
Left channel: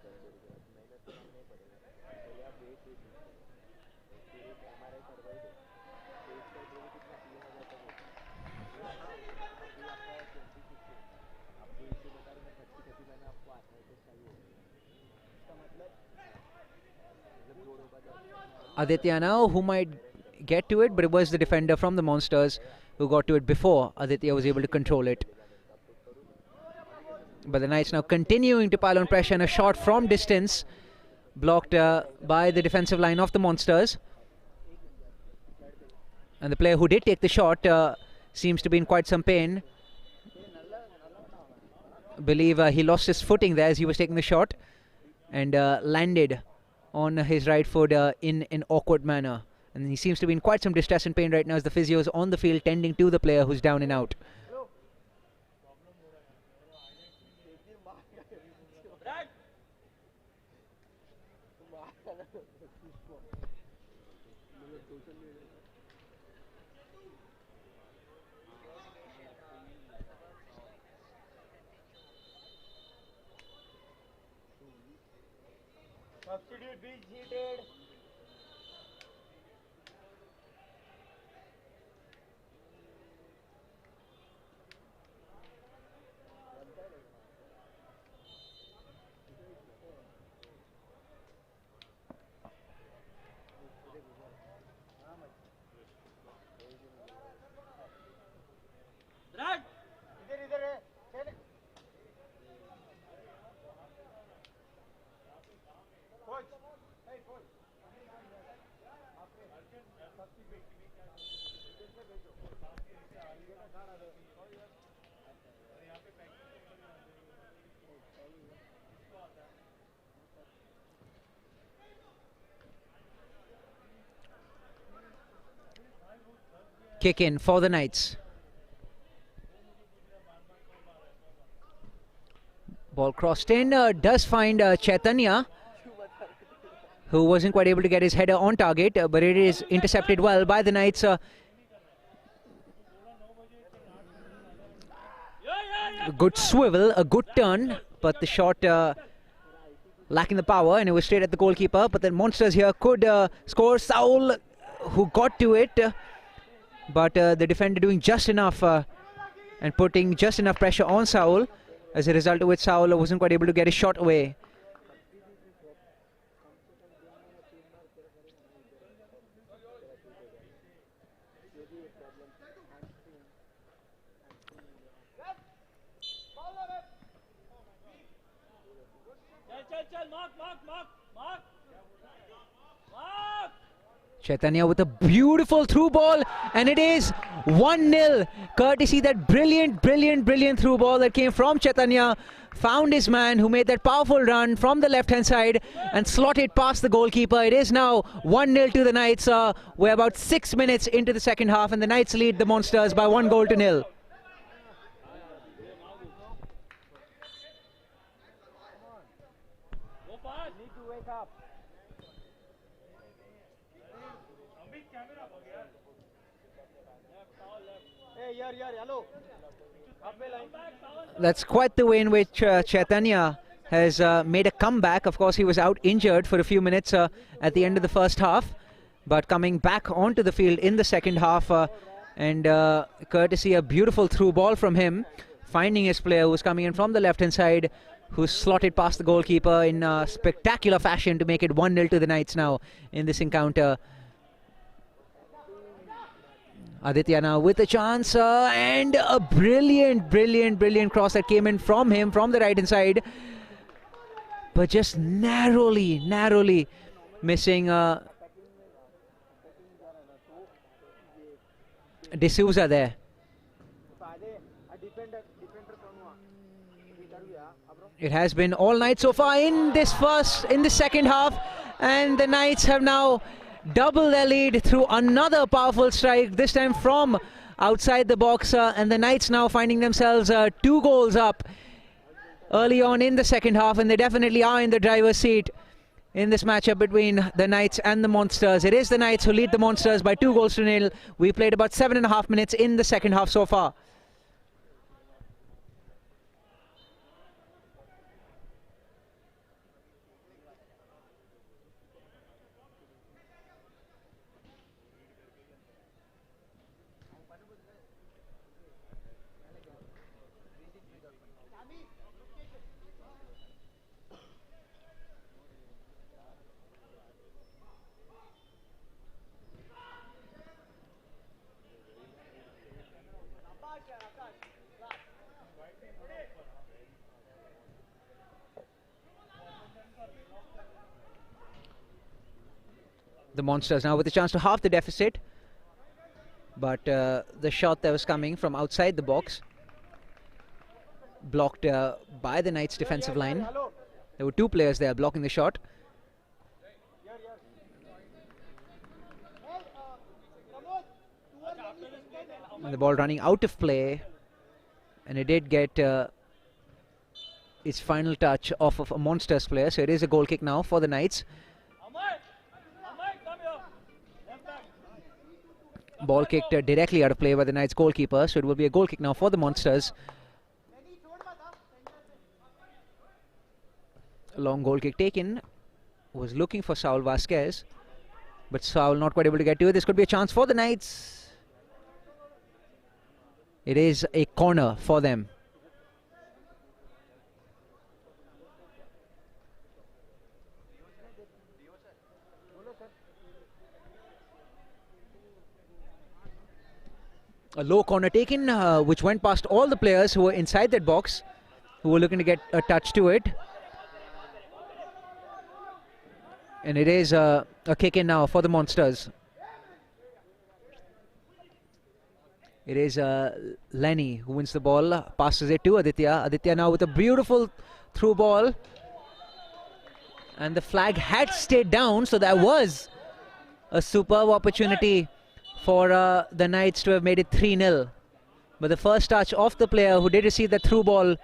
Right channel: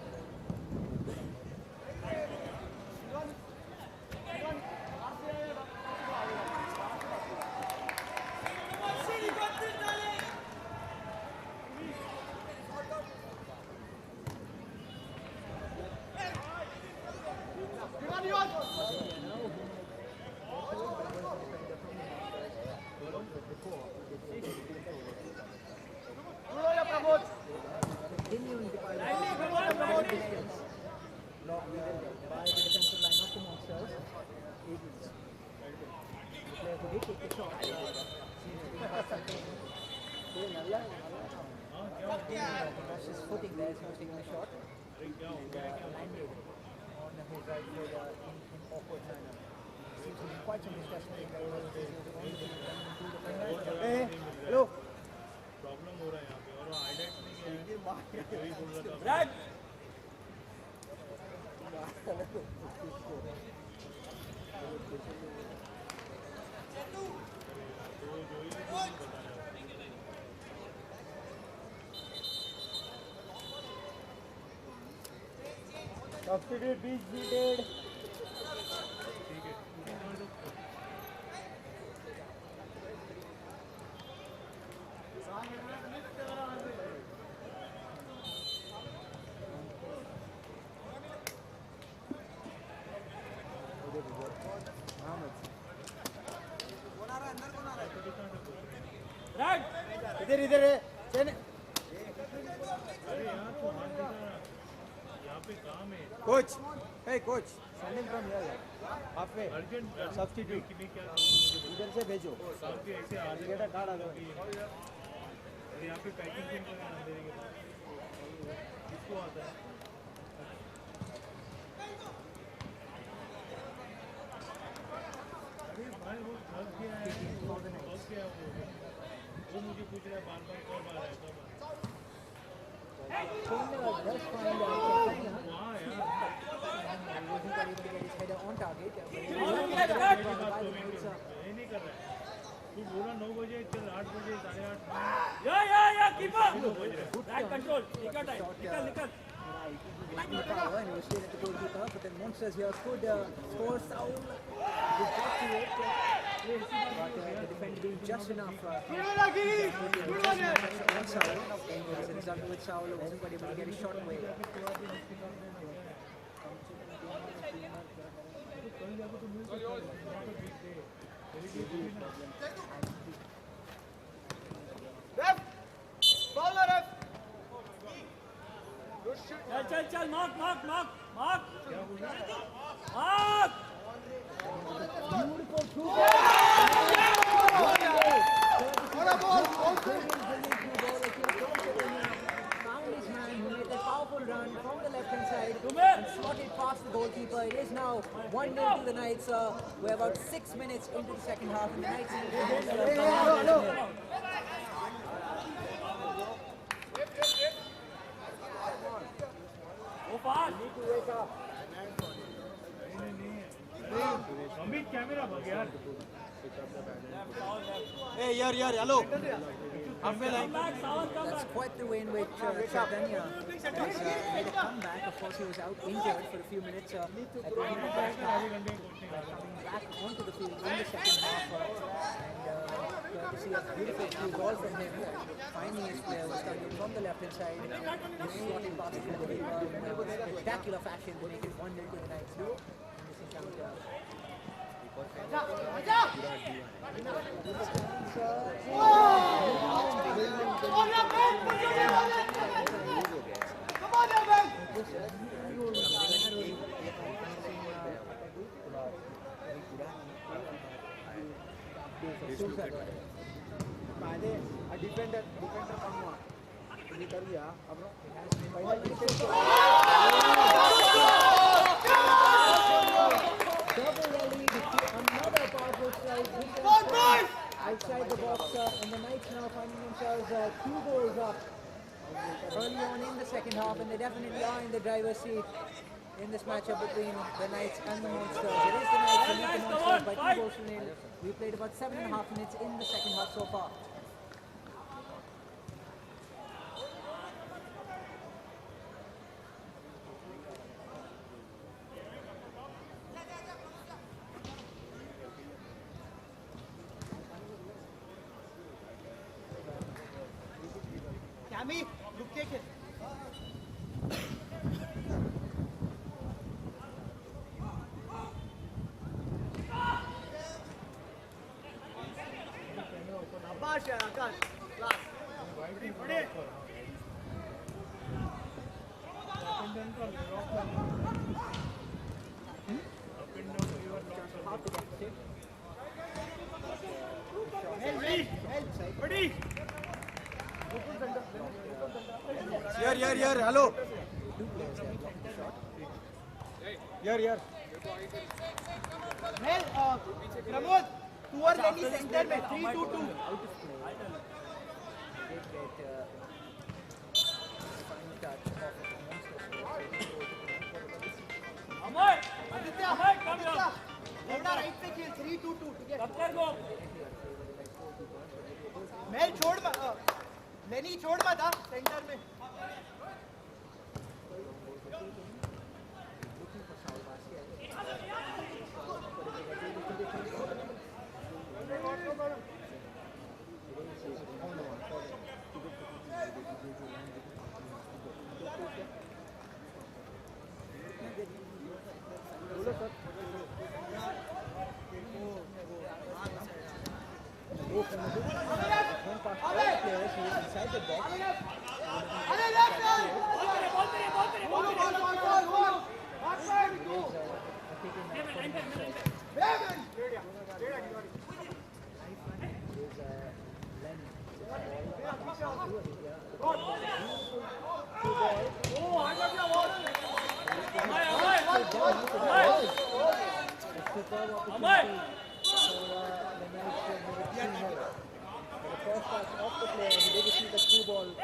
Aditya now, who might get to it, but it was the defender from the Monsters who got to it before Aditya was able to control it. But the Knights now continuing to pile on pressure, and a shot from distance blocked by the defensive line of the Monsters. And the player who did take the shot seems to be in quite some pain. I believe he lost his footing there as he was taking the shot and landed on his right foot in an awkward manner. And he seems to be in quite some distress and pain right now as the physio is on the field tending to the player who's down and out. Substitute beach seated. इधर इधर है coach hey coach sending from here halfway substitute इधर से भेजो ticket card आ गया यहाँ पे packing pin करना देंगे इसको आता है Kick in for the Knights. Ball crossed in, does find Chaitanya, who wasn't quite able to get his header on target, but it is intercepted well by the Knights. A good swivel, a good turn, but the shot lacking the power, and it was straight at the goalkeeper. But the Monsters here could score. Saul, who got to it, but the defender doing just enough and putting just enough pressure on Saul, as a result of which Saul wasn't quite able to get his shot away. Chaitanya with a beautiful through ball, and it is 1-0, courtesy that brilliant through ball that came from Chaitanya. Found his man, who made that powerful run from the left-hand side and slotted past the goalkeeper. It is now 1-0 to the Knights. We're about 6 minutes into the second half, and the Knights lead the Monsters by 1-0. fast. Hey, here, hello. Halfway line. That's quite the way in which Chaitanya has made a comeback. Of course, he was out injured for a few minutes at the end of the first half, but coming back onto the field in the second half, and courtesy a beautiful through ball from him, finding his player who's coming in from the left-hand side, who's slotted past the goalkeeper in spectacular fashion to make it 1-0 to the Knights now in this encounter. Aditya now with a chance, and a brilliant cross that came in from him from the right-hand side, but just narrowly missing D'Souza there. It has been all night so far in the second half, and the Knights have now double their lead through another powerful strike, this time from outside the box, and the Knights now finding themselves 2 goals up early on in the second half, and they definitely are in the driver's seat in this matchup between the Knights and the Monsters. It is the Knights who lead the Monsters by 2-0. We played about 7.5 minutes in the second half so far. The Monsters now with a chance to halve the deficit, but the shot that was coming from outside the box blocked by the Knights defensive line. There were 2 players there blocking the shot. Here. And the ball running out of play, and it did get its final touch off of a Monsters player, so it is a goal kick now for the Knights. Ball kicked directly out of play by the Knights goalkeeper, so it will be a goal kick now for the Monsters. Long goal kick taken, was looking for Saul Vasquez, but Saul not quite able to get to it. This could be a chance for the Knights. It is a corner for them. A low corner taken, which went past all the players who were inside that box, who were looking to get a touch to it. And it is a kick in now for the Monsters. It is Lenny who wins the ball, passes it to Aditya. Aditya now with a beautiful through ball. And the flag had stayed down, so that was a superb opportunity for the Knights to have made it 3-0. But the first touch of the player who did receive that through ball,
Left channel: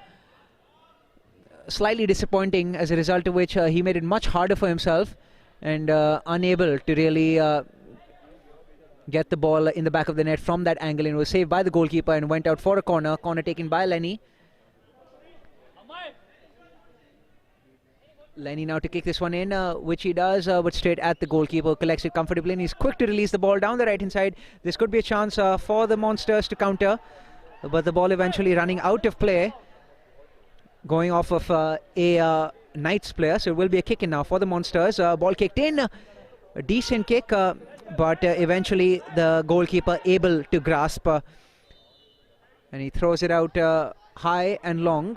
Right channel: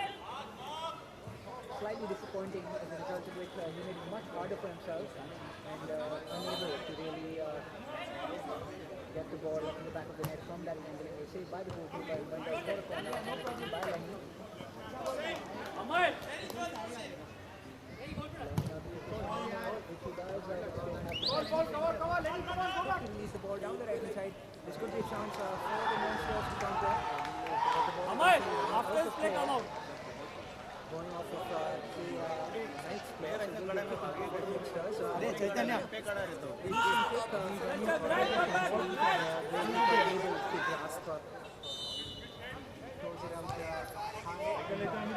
slightly disappointing, as a result of which he made it much harder for himself and unable to really get the ball in the back of the net from that angle, and was saved by the goalkeeper and went out for a corner. Corner taken by Lenny. Lenny now to kick this one in, which he does, but straight at the goalkeeper, collects it comfortably, and he's quick to release the ball down the right-hand side. This could be a chance for the Monsters to counter, but the ball eventually running out of play, going off of a Knights player, so it will be a kick in now for the Monsters. Ball kicked in, a decent kick, but eventually the goalkeeper able to grasp, and he throws it out high and long.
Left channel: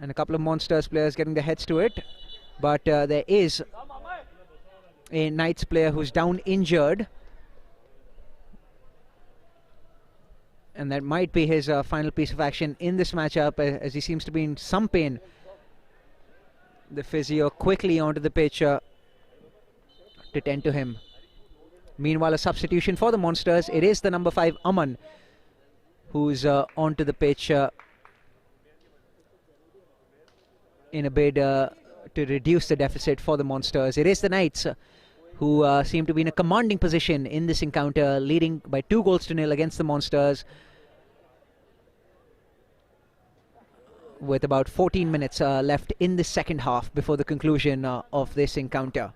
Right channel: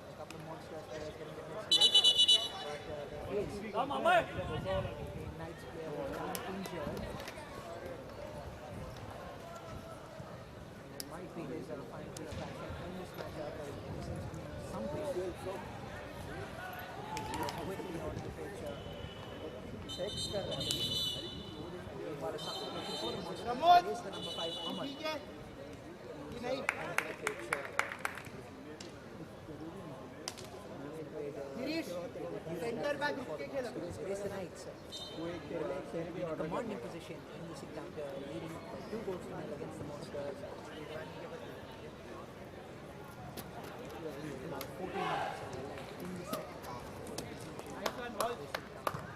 And a couple of Monsters players getting their heads to it, but there is a Knights player who's down injured, and that might be his final piece of action in this matchup, as he seems to be in some pain. The physio quickly onto the pitch to tend to him. Meanwhile, a substitution for the Monsters. It is the number 5 Aman who's onto the pitch in a bid to reduce the deficit for the Monsters. It is the Knights who seem to be in a commanding position in this encounter, leading by 2-0 against the Monsters, with about 14 minutes left in the second half before the conclusion of this encounter.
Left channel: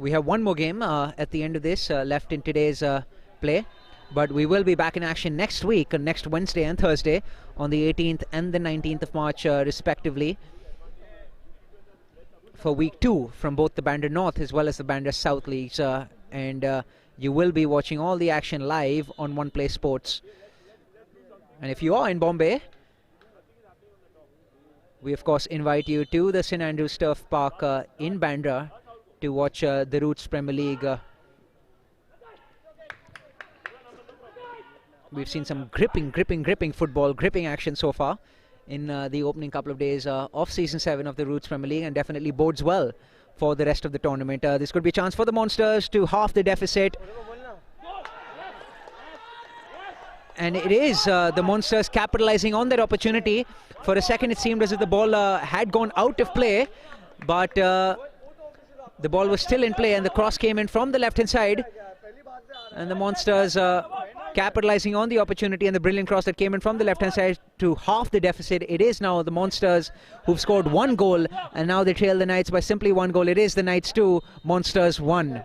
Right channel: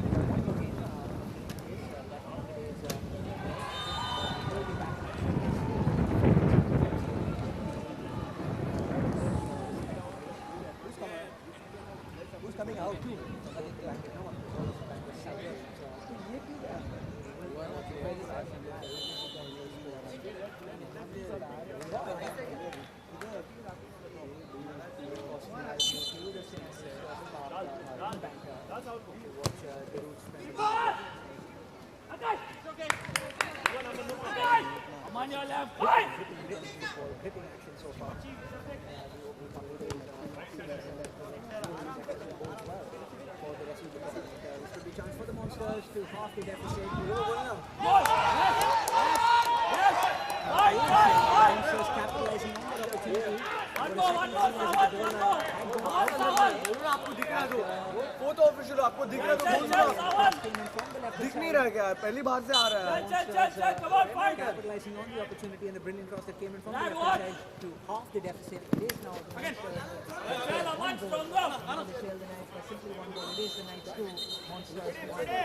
We have one more game at the end of this left in today's play, but we will be back in action next week, next Wednesday and Thursday, on the 18th and the 19th of March respectively, for week 2 from both the Bandra North as well as the Bandra South leagues, and you will be watching all the action live on One Play Sports. And if you are in Bombay, we of course invite you to the St Andrews Turf Park in Bandra to watch the Roots Premier League. We've seen some gripping football, gripping action so far in the opening couple of days of Season 7 of the Roots Premier League, and definitely bodes well for the rest of the tournament. This could be a chance for the Monsters to halve the deficit. And it is the Monsters capitalizing on that opportunity. For a second it seemed as if the ball had gone out of play, but the ball was still in play, and the cross came in from the left-hand side, and the Monsters capitalizing on the opportunity and the brilliant cross that came in from the left-hand side to halve the deficit. It is now the Monsters who've scored 1 goal, and now they trail the Knights by simply 1 goal. It is the Knights 2, Monsters 1.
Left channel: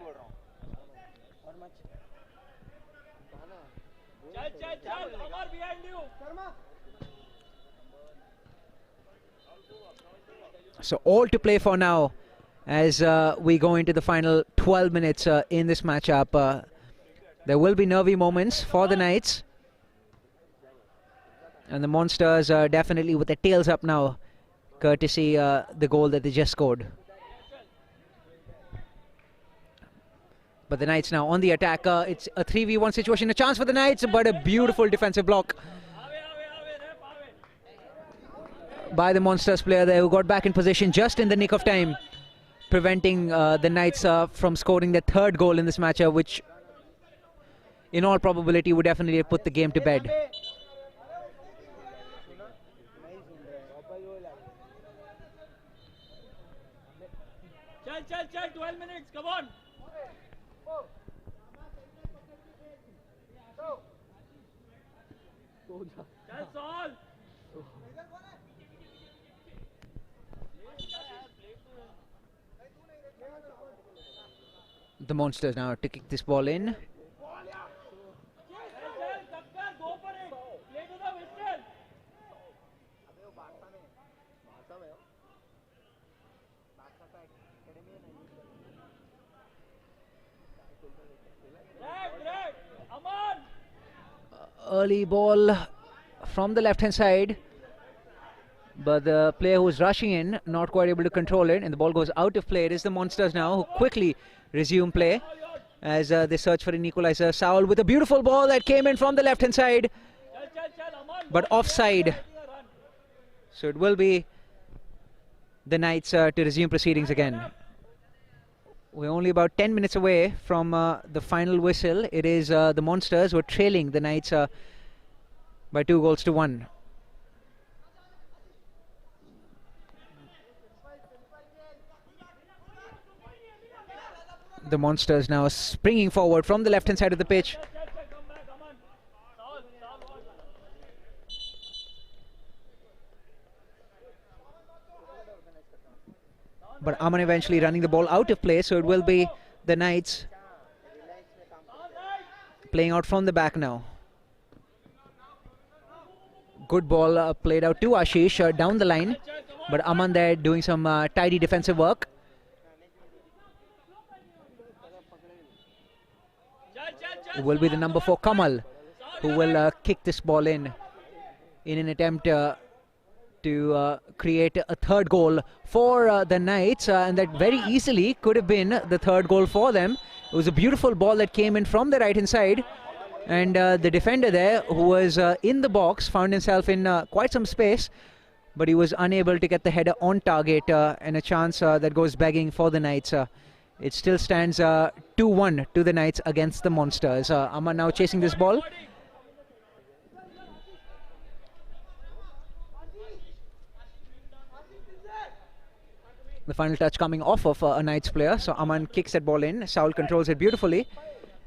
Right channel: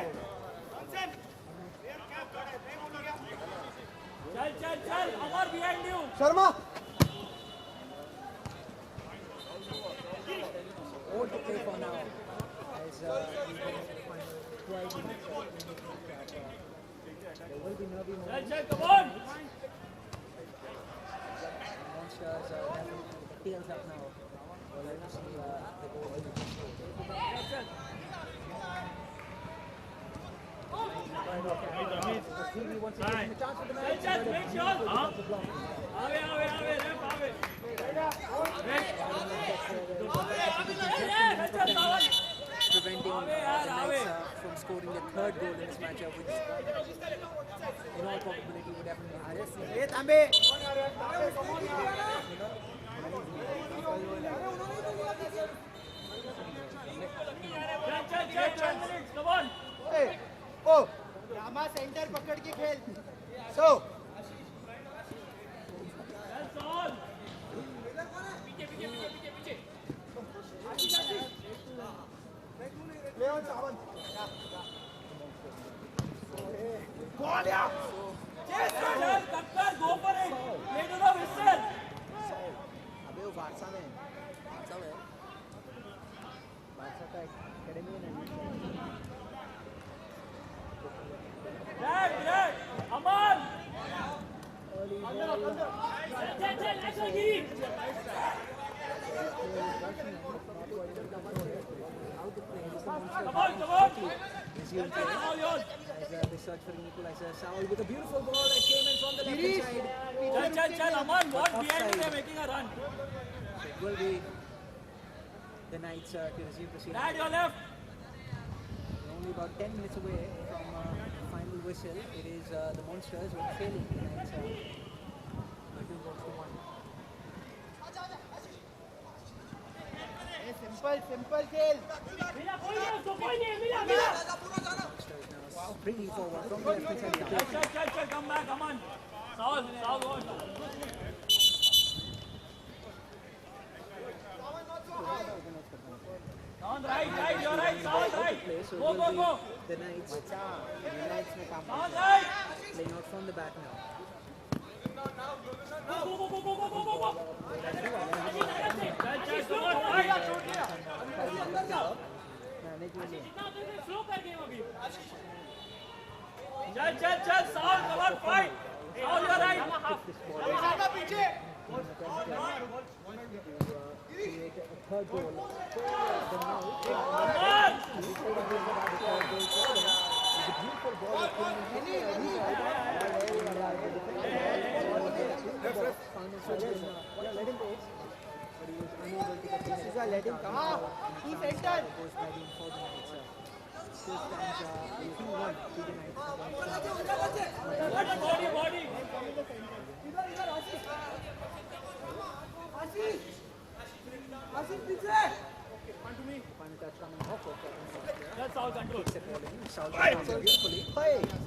So all to play for now as we go into the final 12 minutes in this matchup. There will be nervy moments for the Knights, and the Monsters are definitely with their tails up now, courtesy the goal that they just scored. But the Knights now on the attack. It's a 3v1 situation, a chance for the Knights, but a beautiful defensive block by the Monsters player there, who got back in position just in the nick of time, preventing the Knights from scoring their 3rd goal in this matchup, which in all probability would definitely have put the game to bed. Come on. Oh, Rama center पकड़ के खेल. So. That's all. The Monsters now to kick this ball in. Early ball from the left-hand side, but the player who's rushing in not quite able to control it, and the ball goes out of play. It is the Monsters now who quickly resume play as they search for an equalizer. Saul with a beautiful ball that came in from the left-hand side, but offside. So it will be the Knights to resume proceedings again. We're only about 10 minutes away from the final whistle. It is the Monsters who are trailing the Knights by 2-1. The Monsters now springing forward from the left-hand side of the pitch. But Aman eventually running the ball out of play, so it will be the Knights playing out from the back now. Good ball played out to Ashish down the line, but Aman there doing some tidy defensive work. It will be the number 4 Kamal who will kick this ball in an attempt to create a 3rd goal for the Knights, and that very easily could have been the 3rd goal for them. It was a beautiful ball that came in from the right-hand side, and the defender there, who was in the box, found himself in quite some space but he was unable to get the header on target, and a chance that goes begging for the Knights. It still stands 2-1 to the Knights against the Monsters. Aman now chasing this ball. The final touch coming off of a Knights player, so Aman kicks that ball in. Saul controls it beautifully,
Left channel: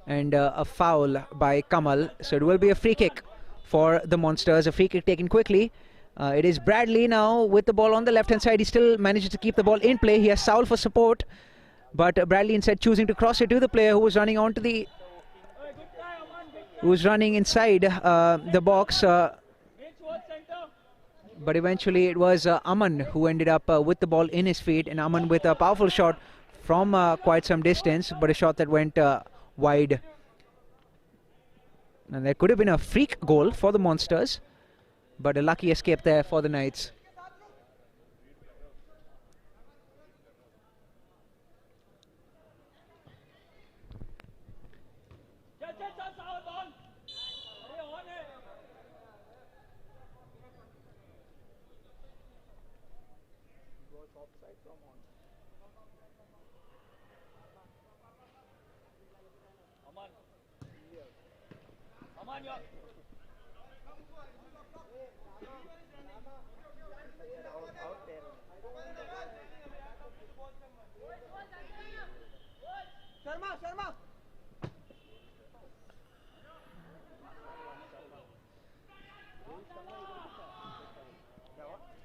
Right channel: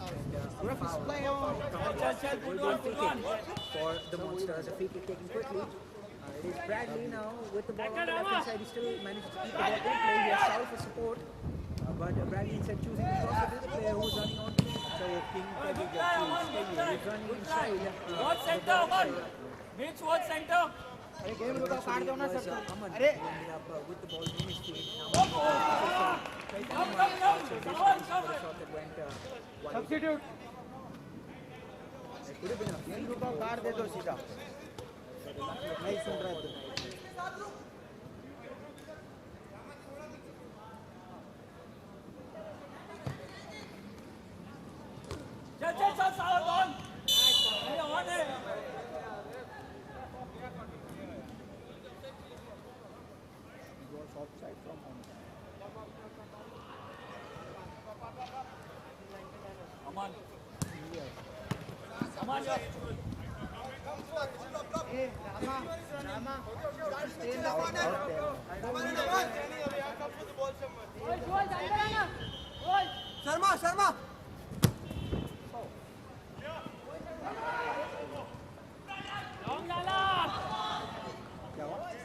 and a foul by Kamal. So it will be a free kick for the Monsters, a free kick taken quickly. It is Bradley now with the ball on the left-hand side. He still manages to keep the ball in play. He has Saul for support, but Bradley instead choosing to cross it to the player who was running onto the, who was running inside the box. But eventually it was Aman who ended up with the ball in his feet, and Aman with a powerful shot from quite some distance, but a shot that went wide. And there could have been a freak goal for the Monsters, but a lucky escape there for the Knights.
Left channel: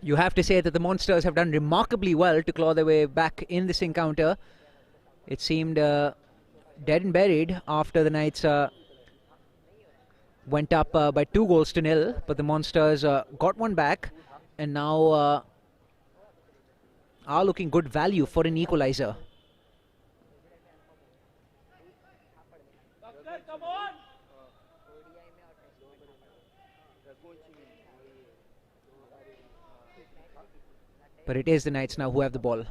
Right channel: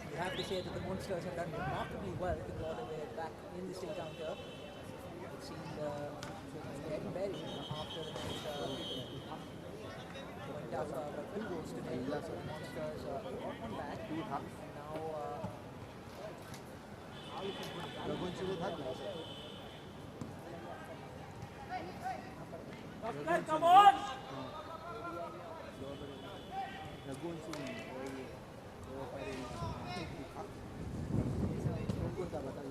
You have to say that the Monsters have done remarkably well to claw their way back in this encounter. It seemed dead and buried after the Knights went up by 2-0, but the Monsters got one back and now are looking good value for an equalizer. Come on! But it is the Knights now who have the ball.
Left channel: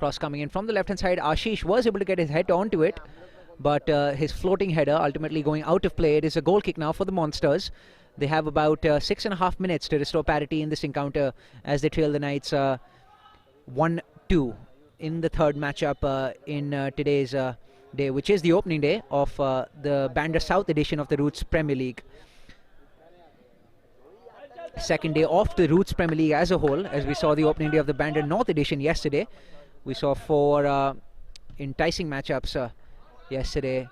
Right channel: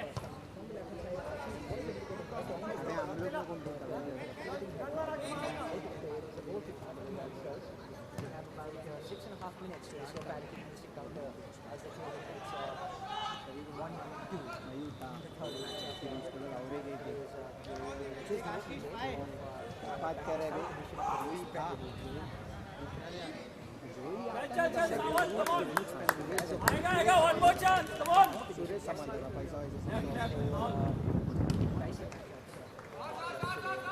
Cross coming in from the left-hand side. Ashish was able to get his head onto it, but his floating header ultimately going out of play. It is a goal kick now for the Monsters. They have about 6.5 minutes to restore parity in this encounter as they trail the Knights 1-2 in the third matchup in today's day, which is the opening day of the Bandra South edition of the Roots Premier League. Second day of the Roots Premier League as a whole, as we saw the opening day of the Bandra North edition yesterday. We saw 4 enticing matchups yesterday,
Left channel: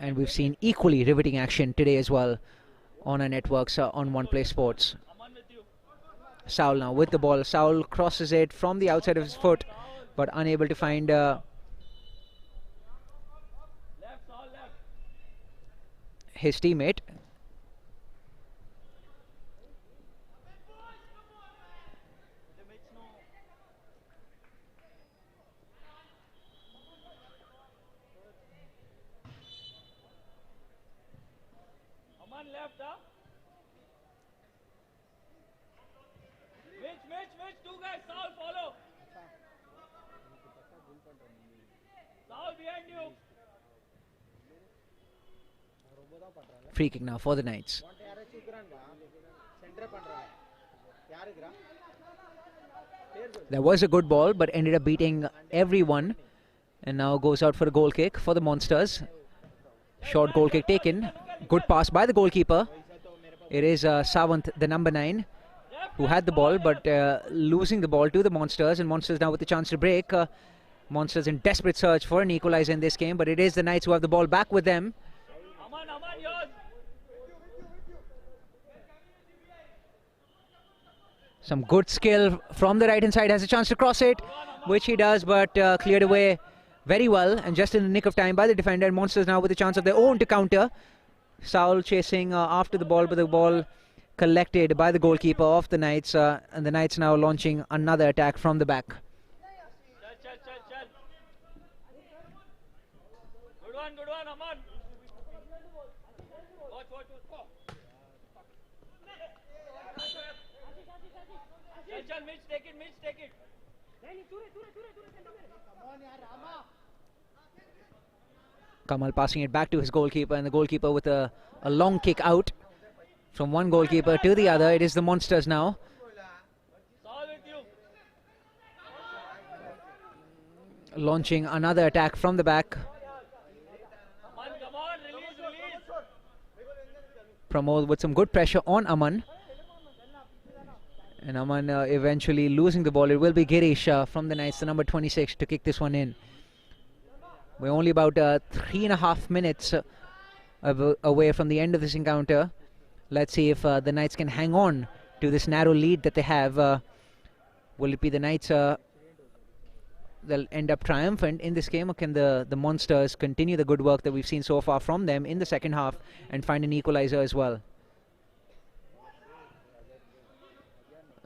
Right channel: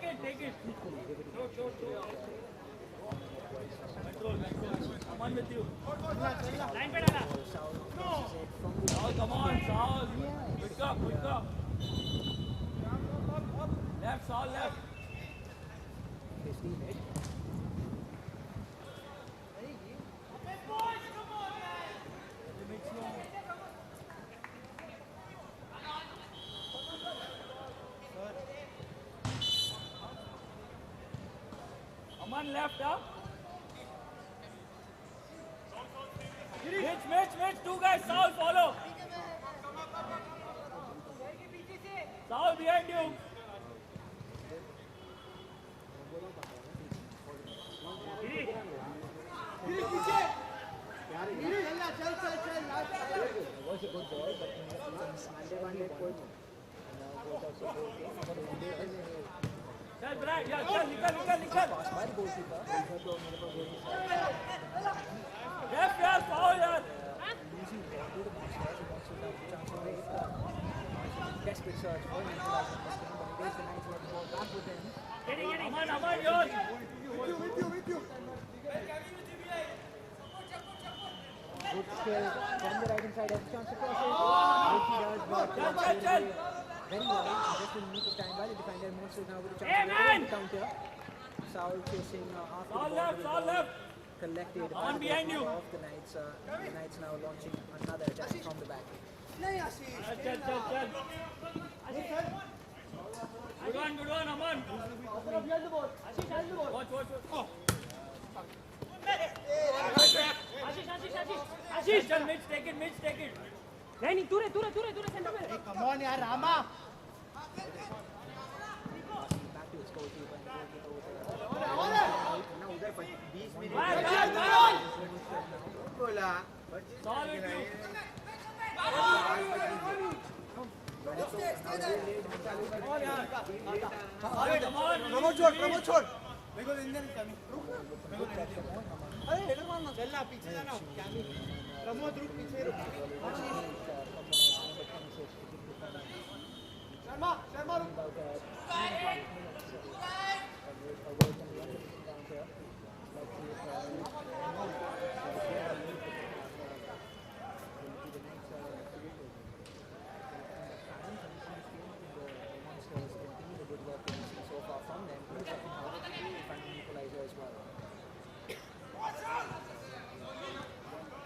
and we've seen equally riveting action today as well on our networks on One Play Sports. Saul now with the ball. Saul crosses it from the outside of his foot, but unable to find his teammate. Aman left up. Mitch, 2 guys, Saul follow. Saul behind you. Free kick now for the Knights. That was a good ball, but ended up beating everyone, and now goes out for a goal kick for the Monsters. Short goal kick taken. Good pass by the goalkeeper. It is Savant, the number 9, who had the ball, but losing the ball to the Monsters, and Monsters now with the chance to break. Monsters in desperate search for an equalizer in this game, but it is the Knights who have the ball back with them. Some good skill from the right-hand side. Has a chance to cross it, which he does, but cleared away very well and just in the nick of time by the defender. Monsters now with a chance of their own to counter. Saul chasing after the ball, but the ball collected by the goalkeeper of the Knights, and the Knights now launching another attack from the back. Good one, Aman. Watch. Ashish, Mitch, take it. Raining, Ture, center. Hey, come on, yaar, Rama. Kamal passing it back to his goalkeeper, and the goalkeeper with a long kick out From one goalkeeper to the other, it is the Monsters now. Launching another attack from the back. Pramod with some good pressure on Aman. And Aman eventually losing the ball. It will be Girish from the Knights, the number 26, to kick this one in. We're only about 3.5 minutes away from the end of this encounter. Let's see if the Knights can hang on to this narrow lead that they have. Will it be the Knights they'll end up triumphant in this game, or can the Monsters continue the good work that we've seen so far from them in the second half and find an equalizer as well?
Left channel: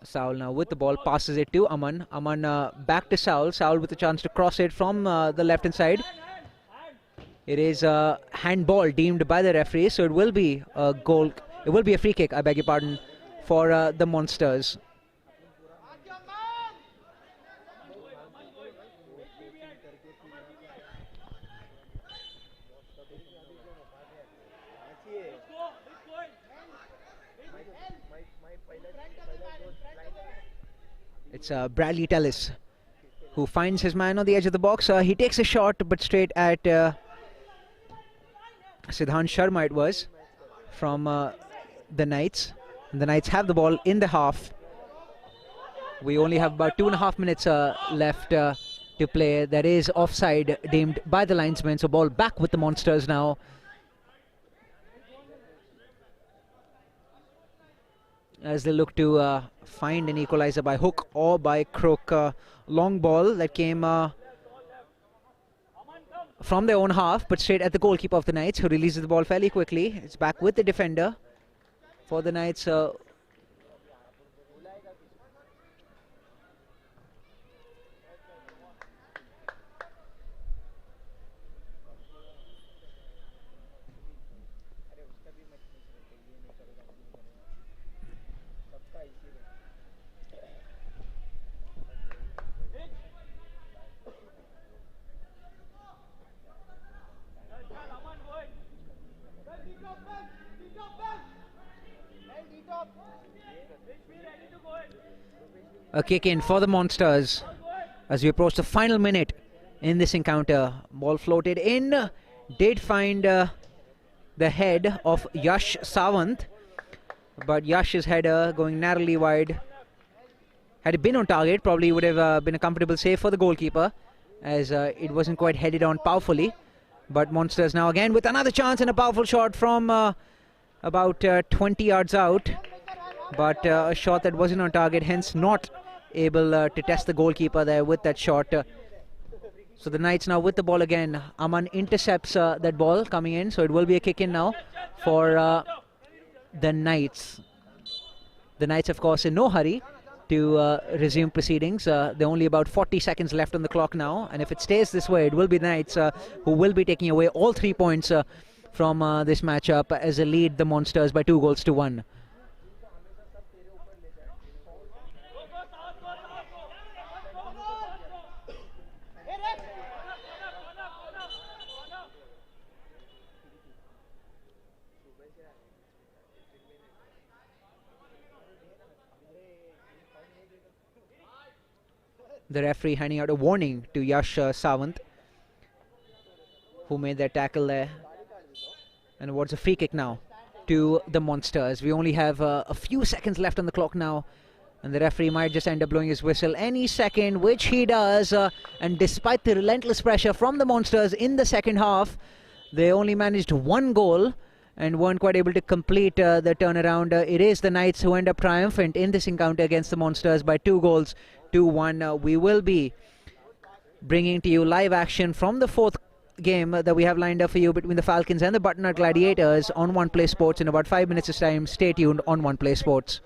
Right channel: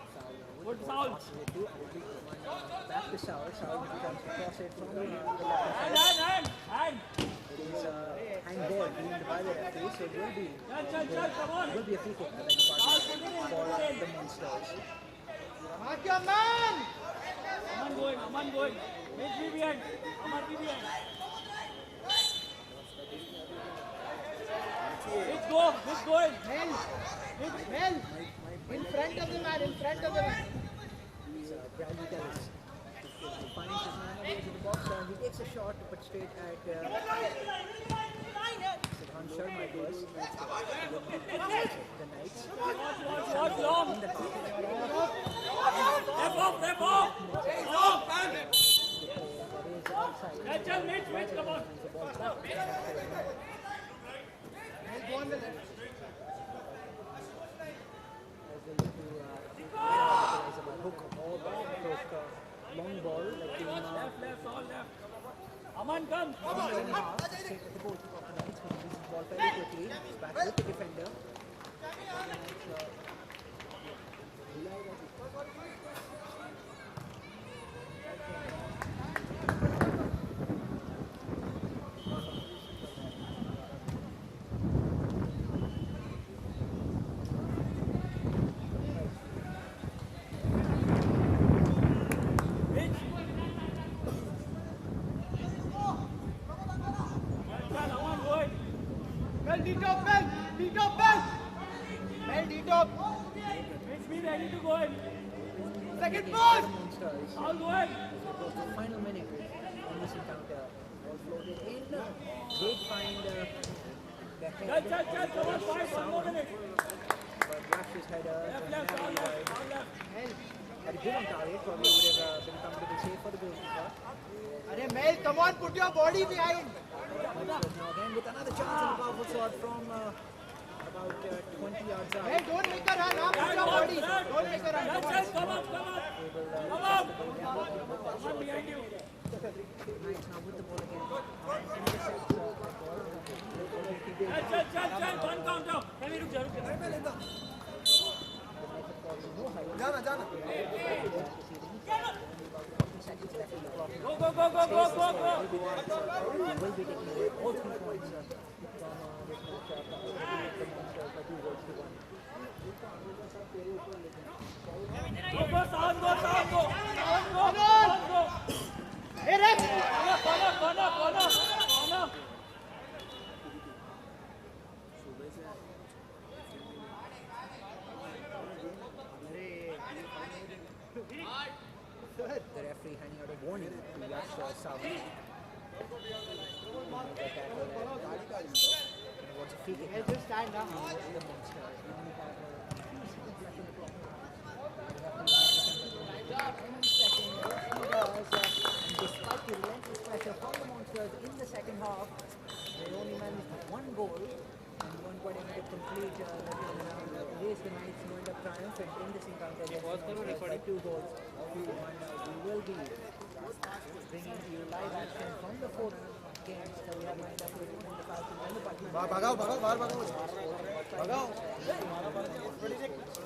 Saul now with the ball, passes it to Aman. Aman back to Saul. Saul with a chance to cross it from the left-hand side. It is a handball deemed by the referee, so it will be a goal. It will be a free kick, I beg your pardon, for the Monsters. It's Bradley Tellis who finds his man on the edge of the box. He takes a shot, but straight at Siddhant Sharma it was, from the Knights. And the Knights have the ball in the half. We only have about 2.5 minutes left to play. That is offside deemed by the linesman, so ball back with the Monsters now. As they look to find an equalizer by hook or by crook. Long ball that came from their own half, but straight at the goalkeeper of the Knights, who releases the ball fairly quickly. It's back with the defender for the Knights. A kick in for the Monsters as we approach the final minute in this encounter. Ball floated in, did find the head of Yash Sawant, but Yash's header going narrowly wide. Had it been on target, probably would have been a comfortable save for the goalkeeper, as it wasn't quite headed on powerfully. But Monsters now again with another chance and a powerful shot from about 20 yards out, but a shot that wasn't on target, hence not able to test the goalkeeper there with that shot. So the Knights now with the ball again. Aman intercepts that ball coming in, so it will be a kick in now for the Knights. The Knights, of course, in no hurry to resume proceedings. There are only about 40 seconds left on the clock now, and if it stays this way, it will be the Knights who will be taking away all 3 points from this matchup, as they lead the Monsters by 2-1. The referee handing out a warning to Yash Sawant, who made that tackle there. And awards a free kick now to the Monsters. We only have a few seconds left on the clock now, and the referee might just end up blowing his whistle any second, which he does. And despite the relentless pressure from the Monsters in the second half, they only managed 1 goal and weren't quite able to complete the turnaround. It is the Knights who end up triumphant in this encounter against the Monsters by 2-1. We will be bringing to you live action from the 4th game that we have lined up for you between the Falcons and the Butternut Gladiators on One Play Sports in about 5 minutes' time. Stay tuned on One Play Sports.